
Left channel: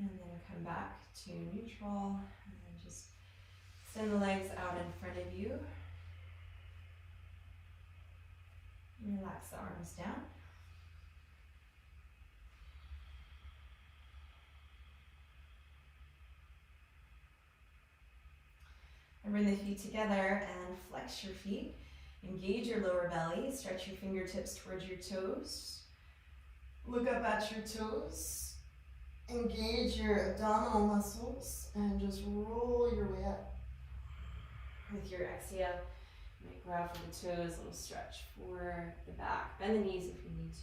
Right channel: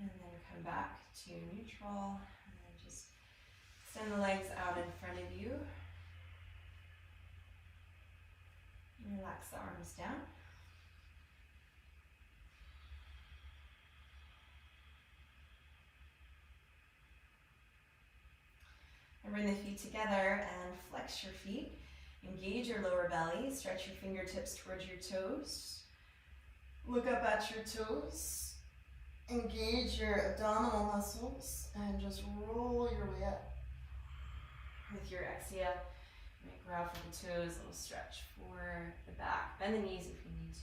And then come back to neutral, and then just extend the legs out in front of you. Relax the arms down. And bring the feet together and flex your feet. Engage your lower belly. Stretch your fingertips towards your toes. Look up at your toes. Engage your abdominal muscles and just roll your way up. With your exhale, you might grab for the toes and stretch for the back. Bend the knees if you need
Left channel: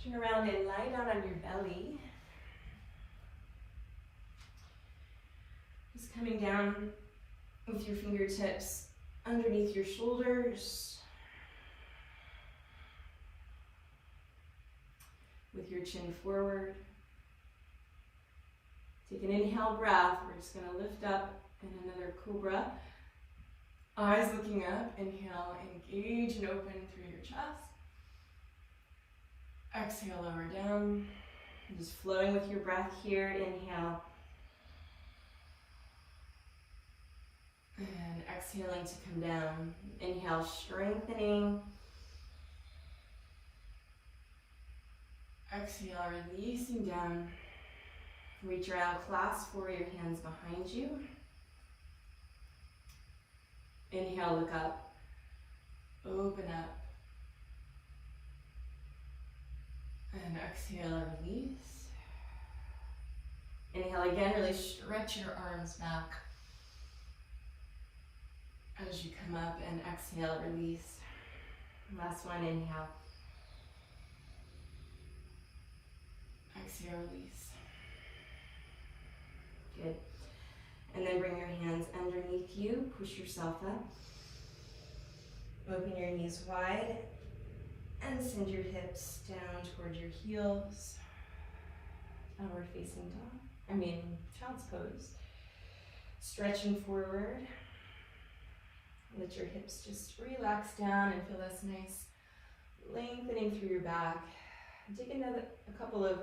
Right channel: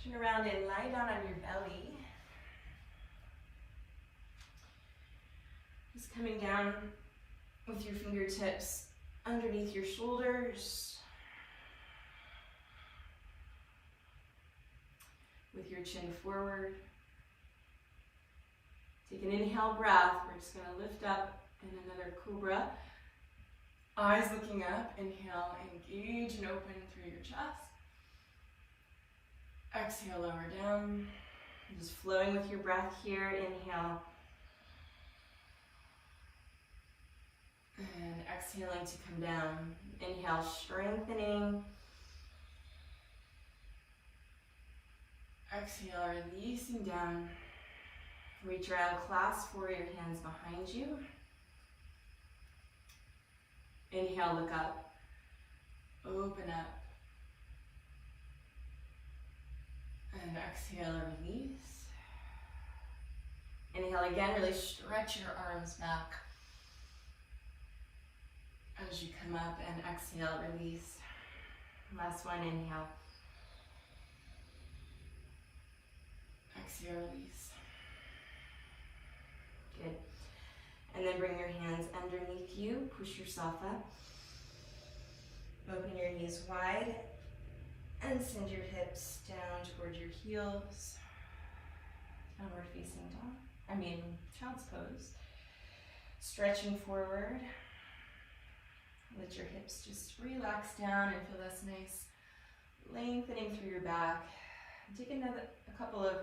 to. Turn around and lie down on your belly. Just coming down with your fingertips underneath your shoulders. With your chin forward. Take an inhale breath. We're just going to lift up in another cobra. Eyes looking up. Inhale, engage and open through your chest. Exhale, lower down. Just flowing with your breath here. Inhale. And exhaling to come down. Inhale, strengthening. Exhale, releasing down. Reach around, clasp for your hands behind you. Inhale, look up. Open up. And exhale, release. Inhale again, really stretch your arms back as you come up, and exhale, release. Last one, inhale. Exhale, release. Good. And then bring your hands underneath you. Push yourself up. Open your knees wide and send your hips down towards your heels. Downward facing dog. Child's pose. Stretching forward. Let your hips just relax down and feel this nice lengthening through your back. Take a couple of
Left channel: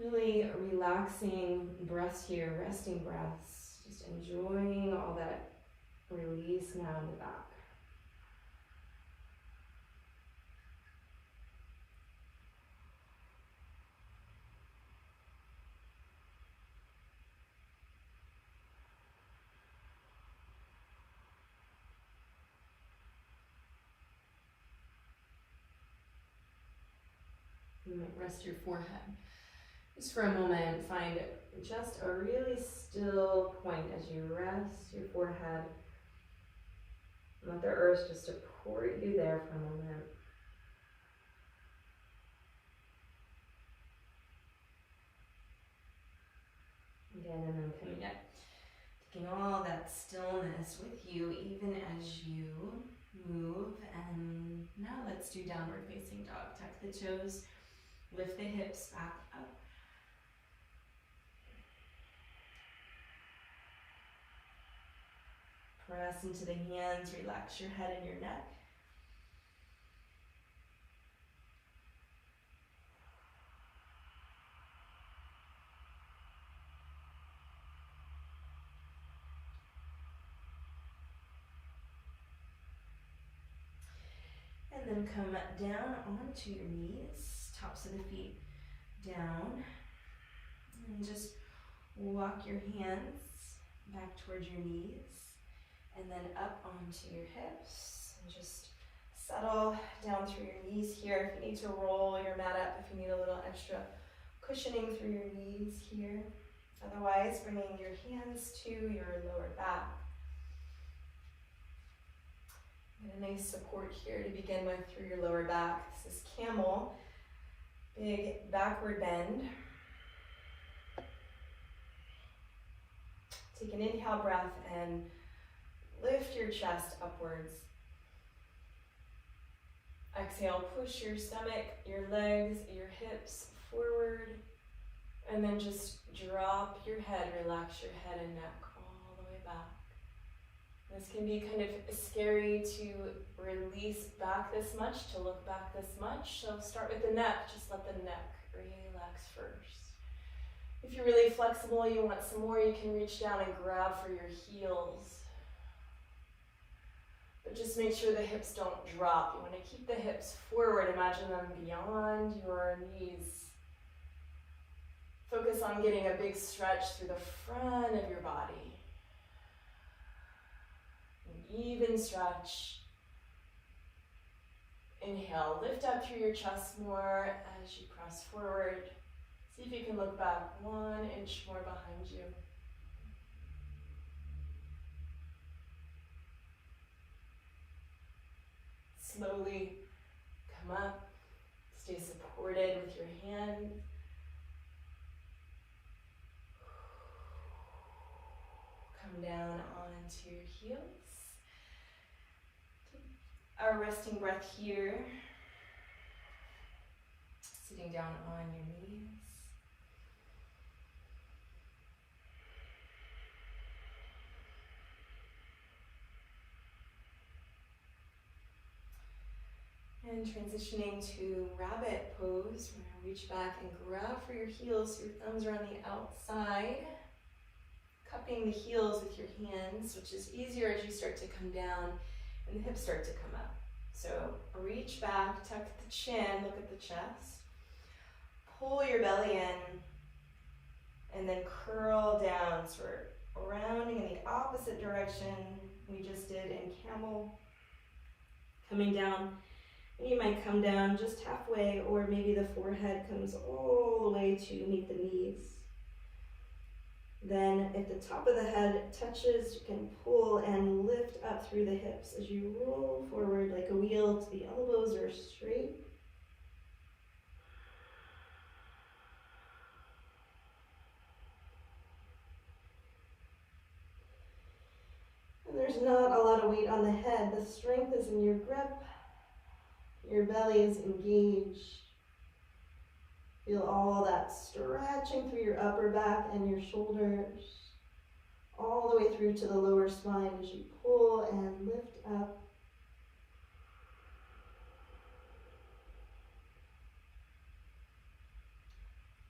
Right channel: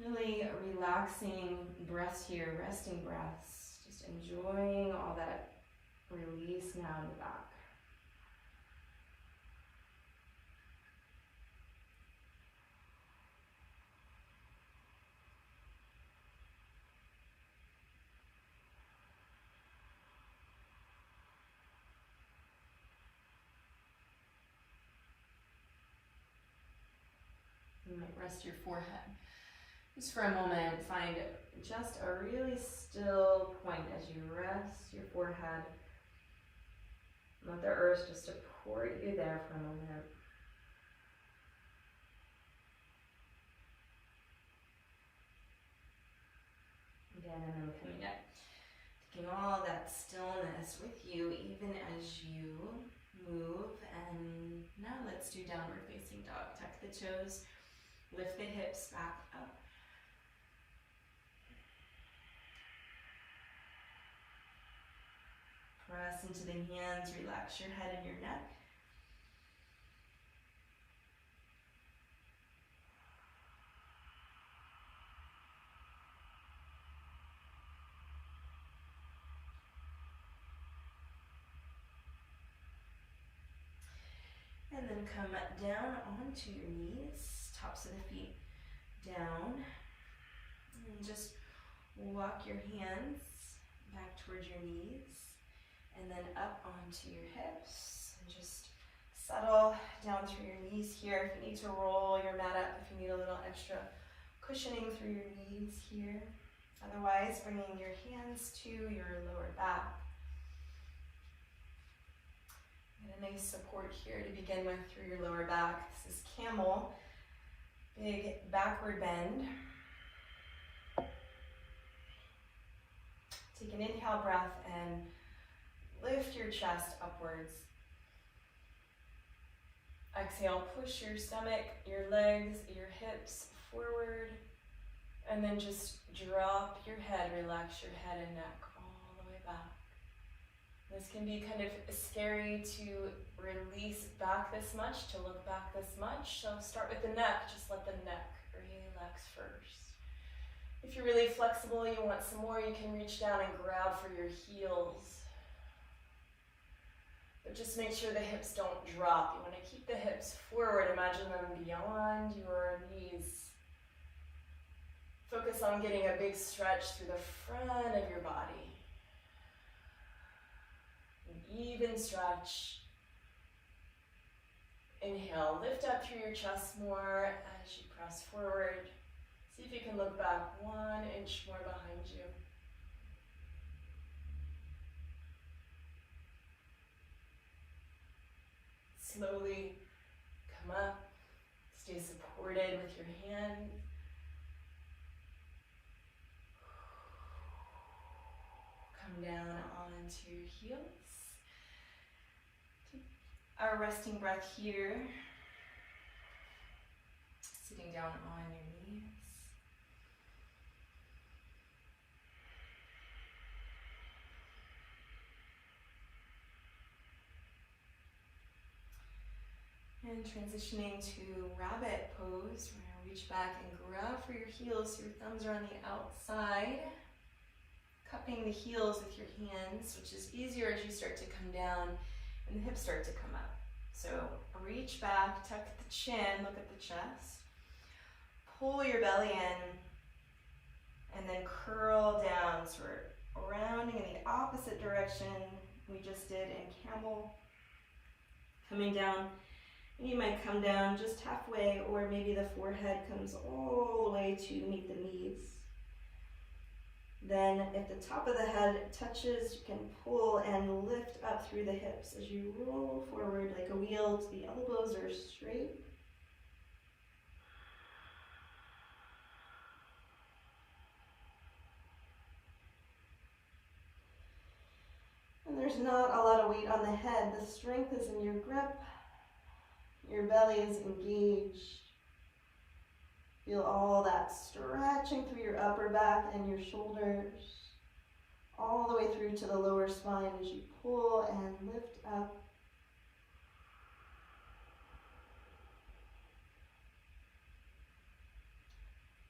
really relaxing breaths here, resting breaths. Just enjoying all that release now in the back. You might rest your forehead Just for a moment, find just a really still point as you rest your forehead. Let the earth just support you there for a moment. Again, and then coming up. Taking all that stillness with you even as you move. And now let's do downward facing dog. Tuck the toes, lift the hips back up. Press into the hands, relax your head and your neck. And then come down onto your knees, tops of the feet down. And just walk your hands back towards your knees. And then up onto your hips. And just settle down through your knees here. If you need to roll your mat up, if you need a little extra cushioning through your knees here. Otherwise, bringing your hands to your lower back. And a nice support here to begin with through your lower back. This is Camel. Big backward bend. Take an inhale breath and lift your chest upwards. Exhale, push your stomach, your legs, your hips forward. And then just drop your head, relax your head and neck all the way back. This can be kind of scary to release back this much, to look back this much. So start with the neck, just let the neck relax first. If you're really flexible, you want some more, you can reach down and grab for your heels. But just make sure the hips don't drop. You want to keep the hips forward, imagine them beyond your knees. Focus on getting a big stretch through the front of your body. Even stretch. Inhale, lift up through your chest more as you press forward. See if you can look back 1 inch more behind you. Slowly come up. Stay supported with your hand. Come down onto your heels. Our resting breath here, sitting down on your knees. And transitioning to rabbit pose, we're going to reach back and grab for your heels so your thumbs are on the outside. Cupping the heels with your hands, which is easier as you start to come down and the hips start to come up. So reach back, tuck the chin, look at the chest. Pull your belly in, and then curl down. So we're rounding in the opposite direction we just did in Camel. Coming down, and you might come down just halfway, or maybe the forehead comes all the way to meet the knees. Then if the top of the head touches, you can pull and lift up through the hips as you roll forward like a wheel till the elbows are straight. And there's not a lot of weight on the head. The strength is in your grip. Your belly is engaged. Feel all that stretching through your upper back and your shoulders, all the way through to the lower spine as you pull and lift up.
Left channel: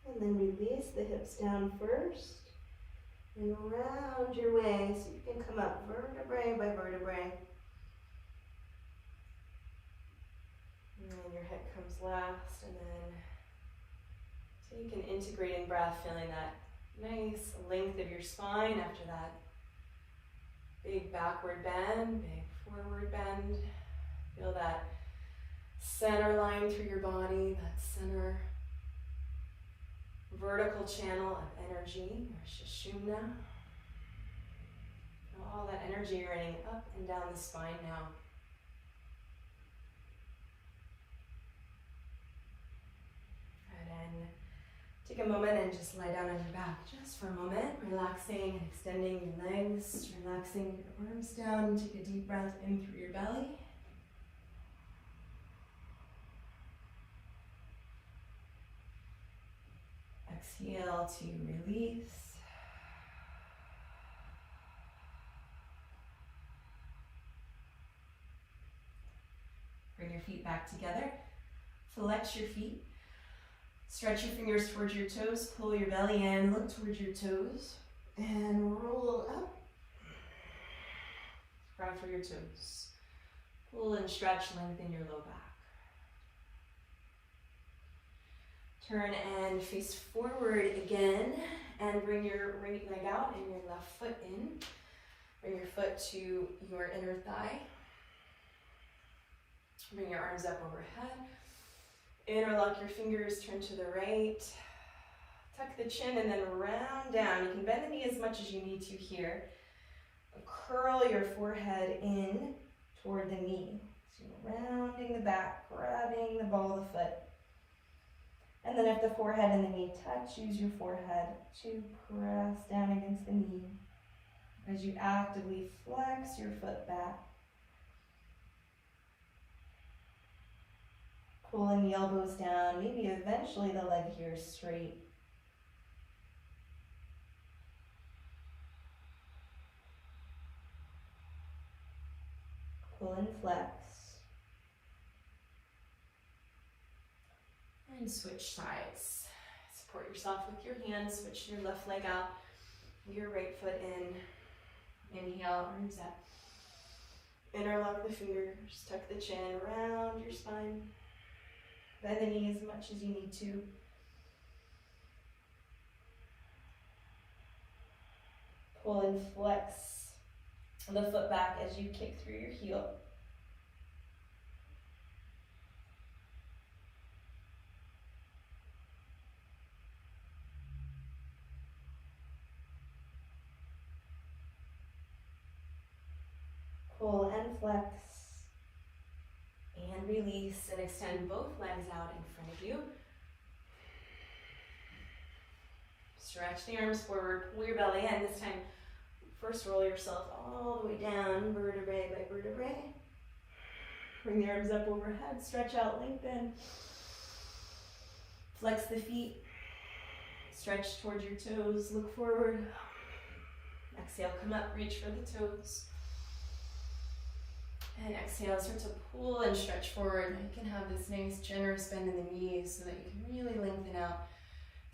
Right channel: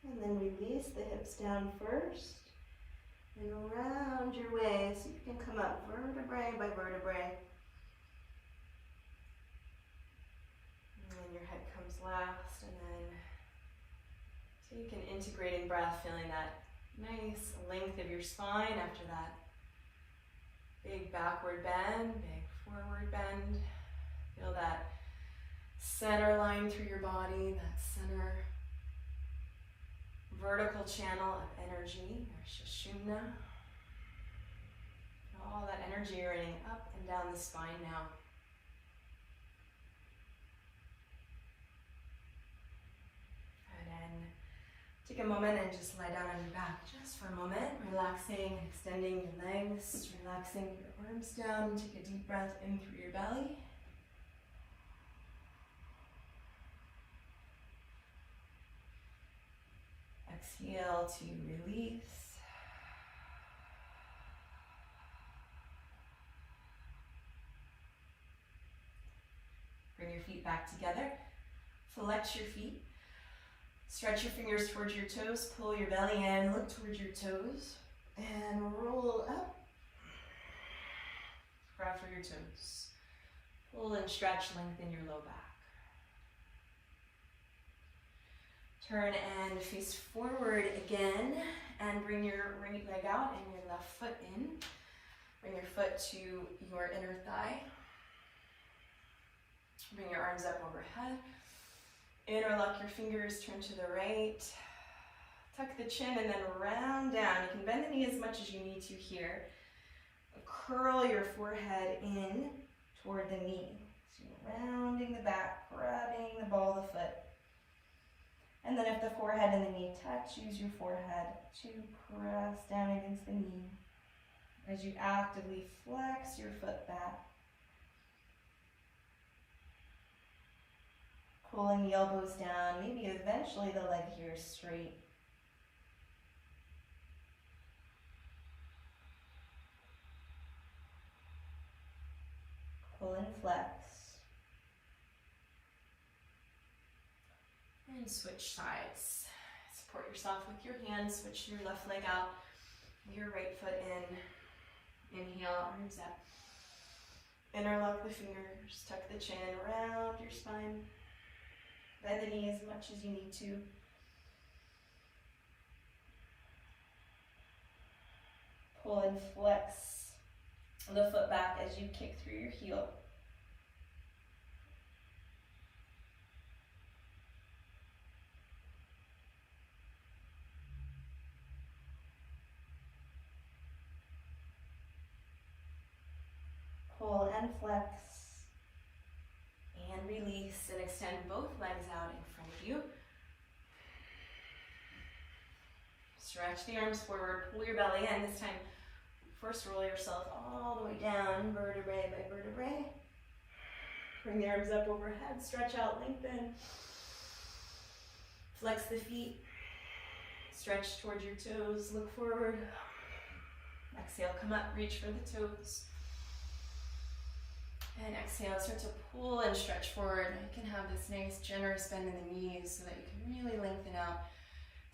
And then release the hips down first and round your way so you can come up vertebrae by vertebrae. And then your head comes last, and then so you can integrating breath, feeling that nice length of your spine after that big backward bend, big forward bend. Feel that center line through your body, that center vertical channel of energy, Sushumna. All that energy running up and down the spine now. And then take a moment and just lie down on your back just for a moment, relaxing, extending your legs, relaxing your arms down, and take a deep breath in through your belly. Exhale to release. Bring your feet back together. Flex your feet. Stretch your fingers towards your toes. Pull your belly in. Look towards your toes. And roll up. Grab for your toes. Pull and stretch. Lengthen your low back. Turn and face forward again. And bring your right leg out and your left foot in. Bring your foot to your inner thigh. Bring your arms up overhead. Interlock your fingers, turn to the right. Tuck the chin and then round down. You can bend the knee as much as you need to here. Curl your forehead in toward the knee. So rounding the back, grabbing the ball of the foot. And then if the forehead and the knee touch, use your forehead to press down against the knee as you actively flex your foot back. Pulling the elbows down, maybe eventually the leg here is straight. Pull and flex. And switch sides. Support yourself with your hands, switch your left leg out, your right foot in. Inhale, arms up. Interlock the fingers, tuck the chin, round your spine. Bend the knee as much as you need to. Pull and flex the foot back as you kick through your heel. Pull and flex. And release and extend both legs out in front of you. Stretch the arms forward, pull your belly in. This time, first roll yourself all the way down, vertebrae by vertebrae. Bring the arms up overhead, stretch out, lengthen. Flex the feet. Stretch towards your toes, look forward. Exhale, come up, reach for the toes. And exhale, start to pull and stretch forward. You can have this nice generous bend in the knees so that you can really lengthen out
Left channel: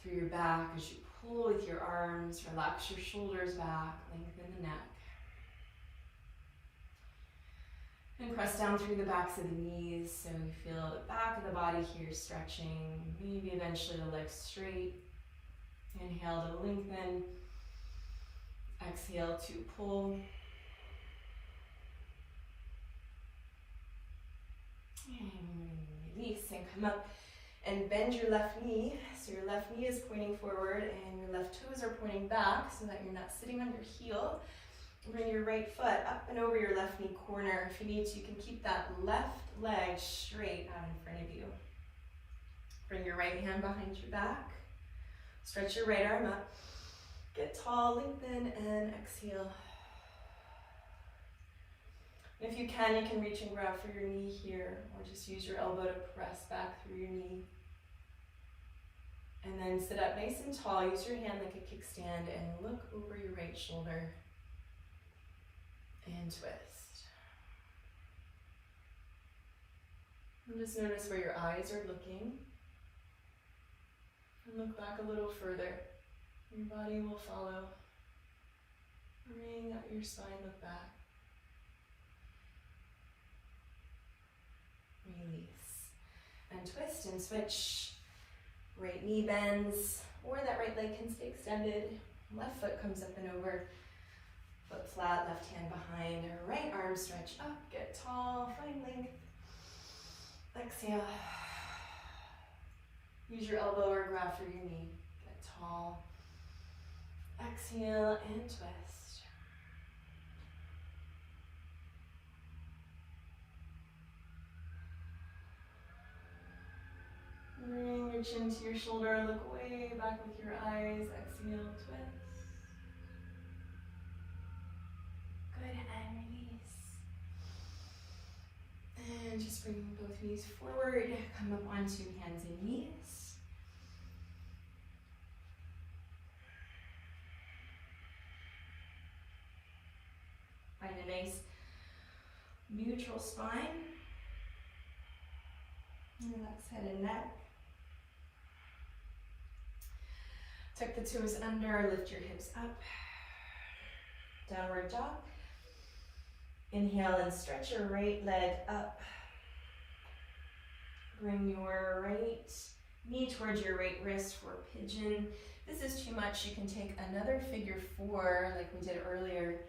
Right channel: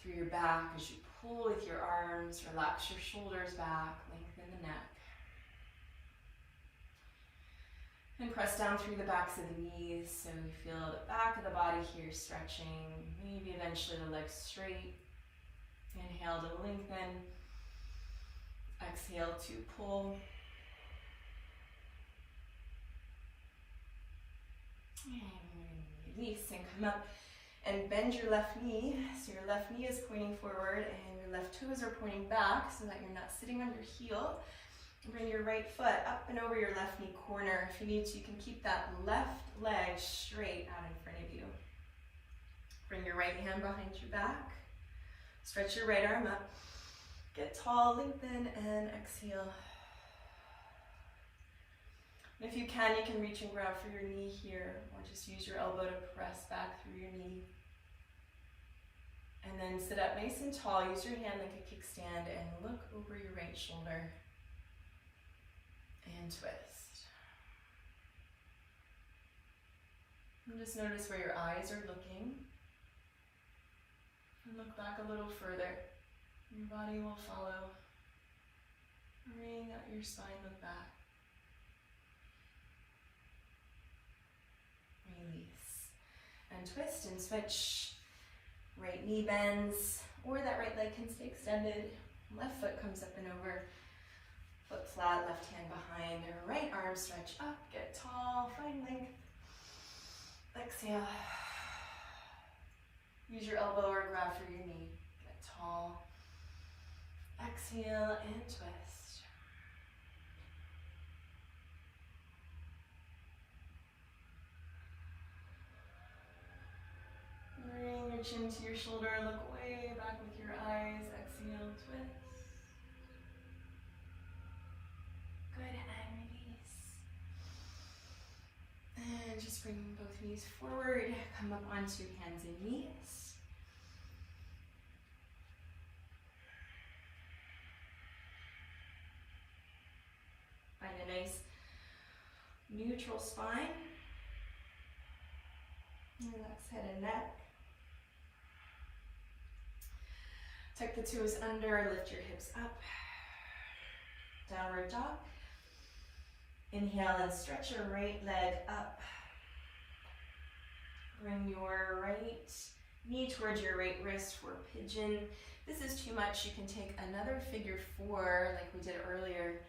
through your back as you pull with your arms. Relax your shoulders back, lengthen the neck. And press down through the backs of the knees so you feel the back of the body here stretching. Maybe eventually the legs straight. Inhale to lengthen. Exhale to pull. And release and come up and bend your left knee. So your left knee is pointing forward and your left toes are pointing back so that you're not sitting on your heel. Bring your right foot up and over your left knee corner. If you need to, you can keep that left leg straight out in front of you. Bring your right hand behind your back. Stretch your right arm up. Get tall, lengthen, and exhale. And if you can reach and grab for your knee here, or just use your elbow to press back through your knee. And then sit up nice and tall. Use your hand like a kickstand and look over your right shoulder. And twist. And just notice where your eyes are looking. And look back a little further. Your body will follow. Bring out your spine, look back. Release. And twist and switch. Right knee bends, or that right leg can stay extended. Left foot comes up and over. Foot flat, left hand behind. Right arm stretch up, get tall, find length. Exhale. Use your elbow or grab for your knee. Get tall. Exhale and twist. Bring your chin to your shoulder and look way back with your eyes. Exhale, twist. Good, and release. And just bring both knees forward. Come up onto hands and knees. Find a nice neutral spine. Relax head and neck. Tuck the toes under, lift your hips up. Downward dog. Inhale and stretch your right leg up. Bring your right knee towards your right wrist for pigeon. If this is too much, you can take another figure four like we did earlier,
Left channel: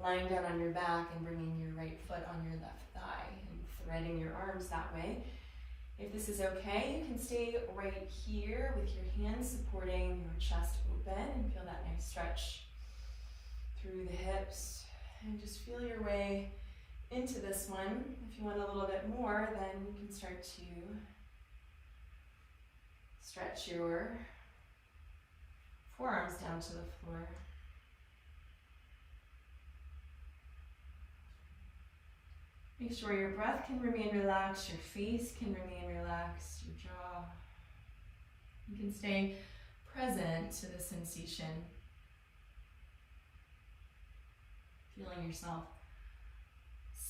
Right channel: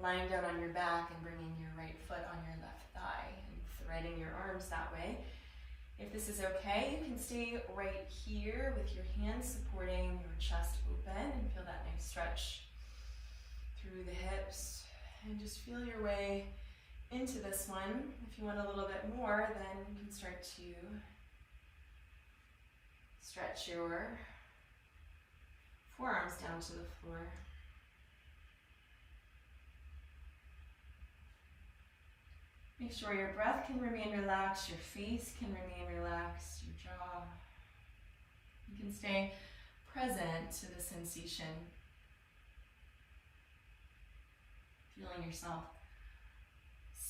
lying down on your back and bringing your right foot on your left thigh and threading your arms that way. If this is okay, you can stay right here with your hands supporting your chest open and feel that nice stretch through the hips. And just feel your way into this one. If you want a little bit more, then you can start to stretch your forearms down to the floor. Make sure your breath can remain relaxed, your face can remain relaxed, your jaw. You can stay present to the sensation. Feeling yourself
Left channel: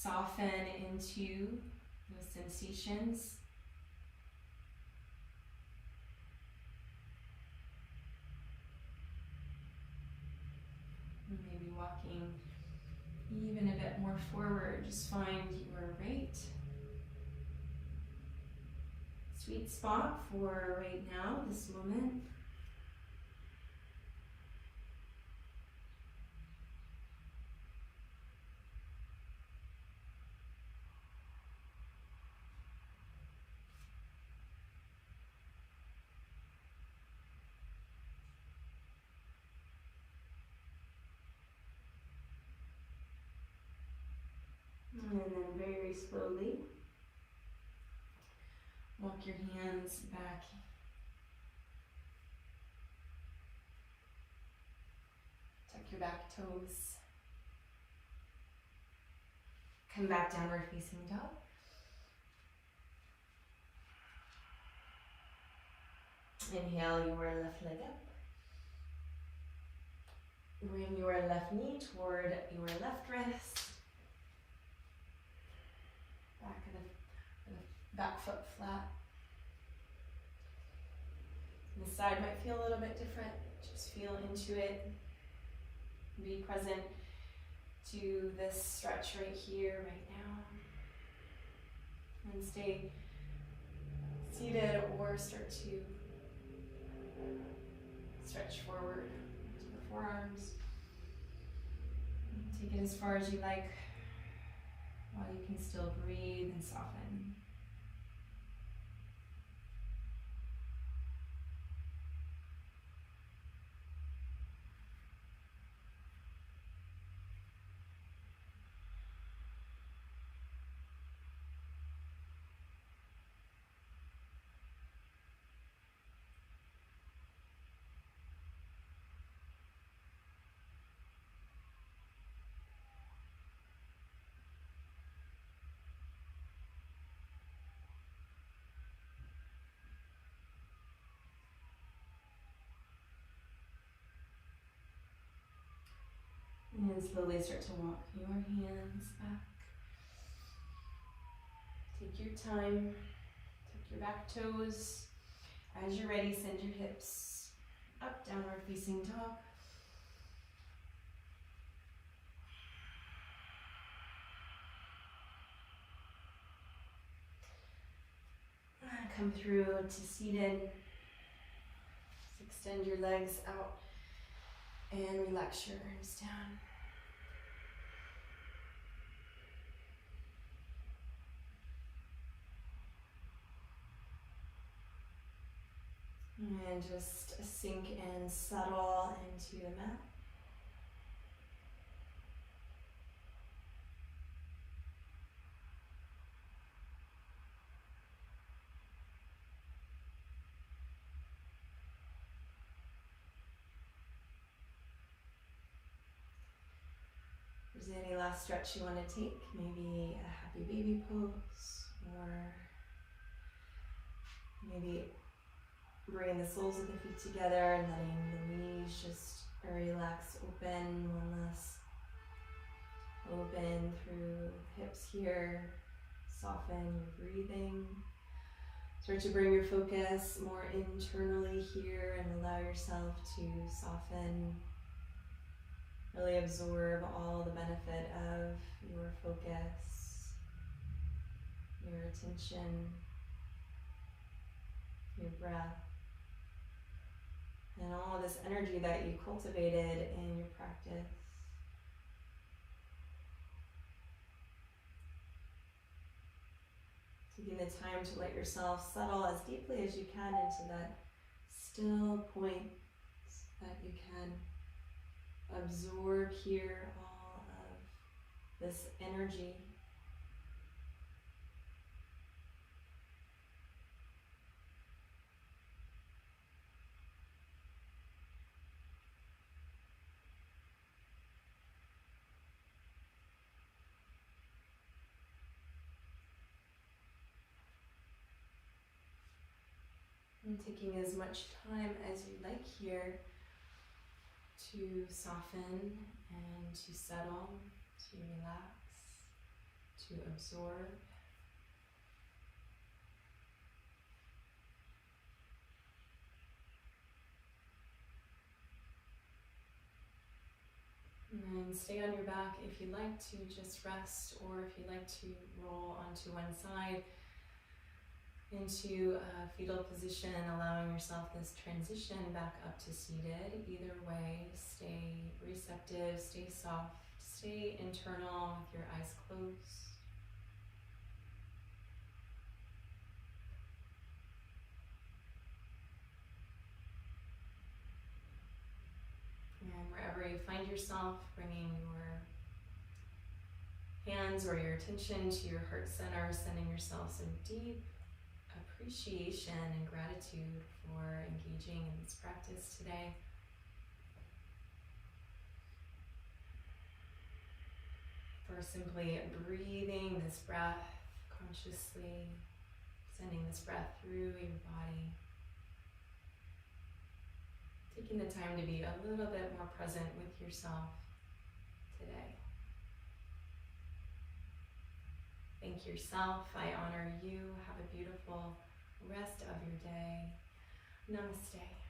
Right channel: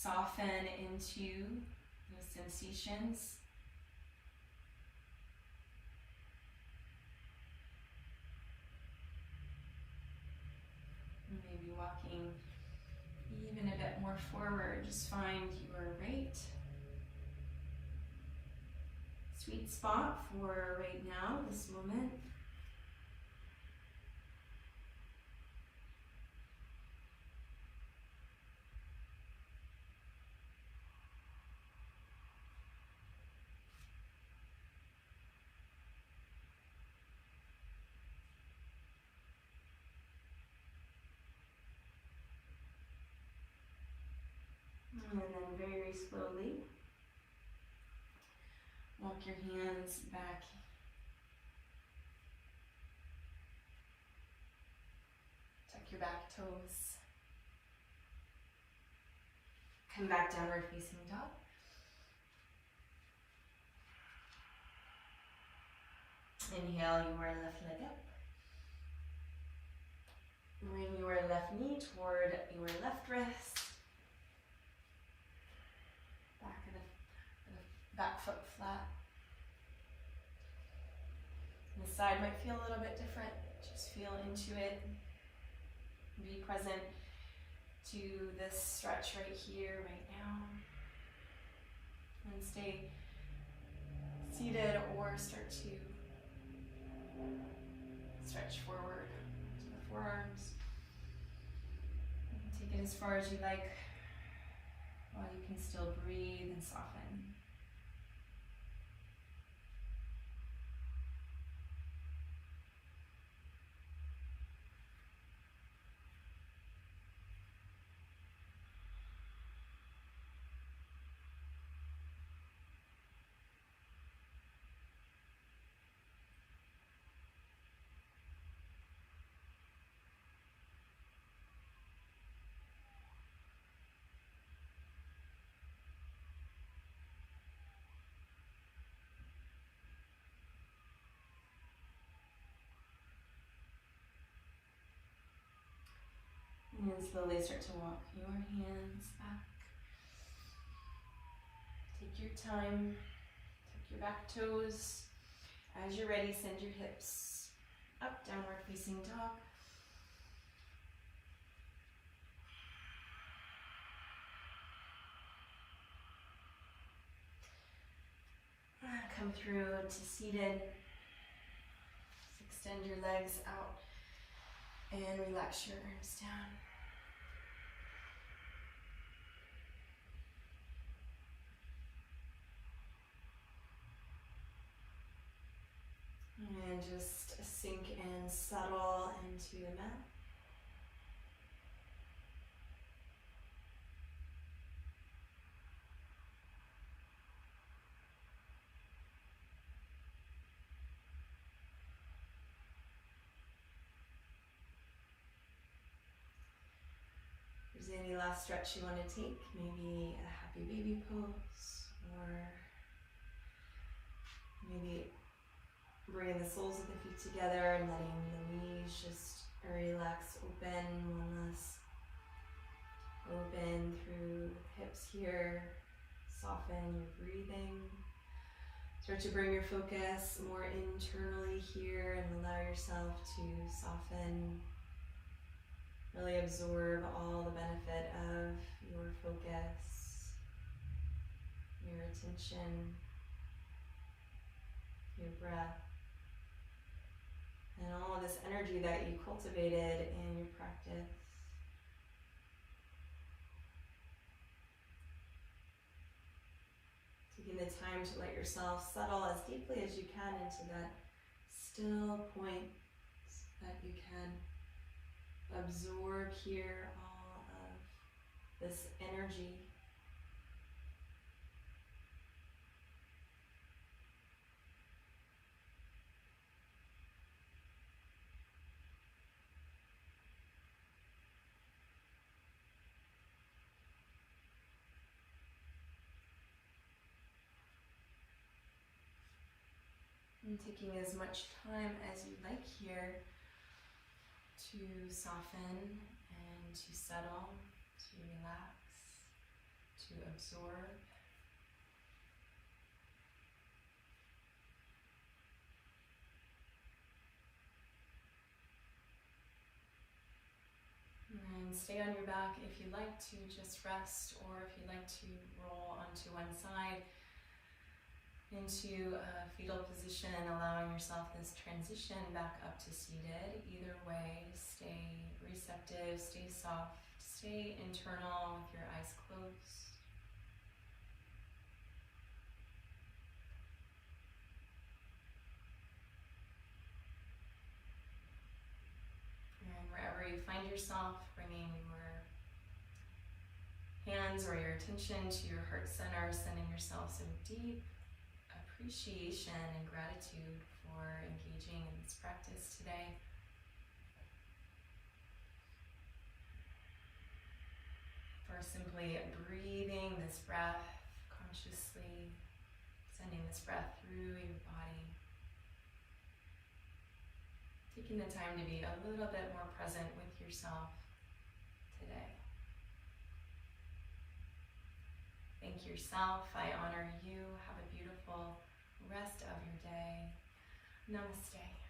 soften into the sensations. And maybe walking even a bit more forward. Just find your right sweet spot for right now, this moment. And then very slowly, walk your hands back. Tuck your back toes. Come back downward facing dog. Inhale your left leg up. Bring your left knee toward your left wrist. Back foot flat. The side might feel a little bit different. Just feel into it. Be present to this stretch right here, right now. And stay seated or start to stretch forward to the forearms. Take it as far as you like while you can still breathe and soften. And then slowly start to walk your hands back. Take your time, tuck your back toes. As you're ready, send your hips up, downward facing dog. Come through to seated. Just extend your legs out and relax your arms down. And just just sink and settle into the mat. If there's any last stretch you want to take, maybe a happy baby pose, or maybe bringing the soles of the feet together and letting the knees just relax, open, one less. Open through the hips here, soften your breathing. Start to bring your focus more internally here and allow yourself to soften. Really absorb all the benefit of your focus, your attention, your breath, and all this energy that you cultivated in your practice. Taking the time to let yourself settle as deeply as you can into that still point that you can absorb here all of this energy. And taking as much time as you like here to soften and to settle, to relax, to absorb. And stay on your back if you like to just rest, or if you like to roll onto one side into a fetal position, allowing yourself this transition back up to seated. Either way, stay receptive, stay soft, stay internal with your eyes closed. And wherever you find yourself, bringing your hands or your attention to your heart center, sending yourself some deep appreciation and gratitude for engaging in this practice today. For simply breathing this breath consciously, sending this breath through your body. Taking the time to be a little bit more present with yourself today. Thank yourself. I honor you. Have a beautiful rest of your day. Namaste.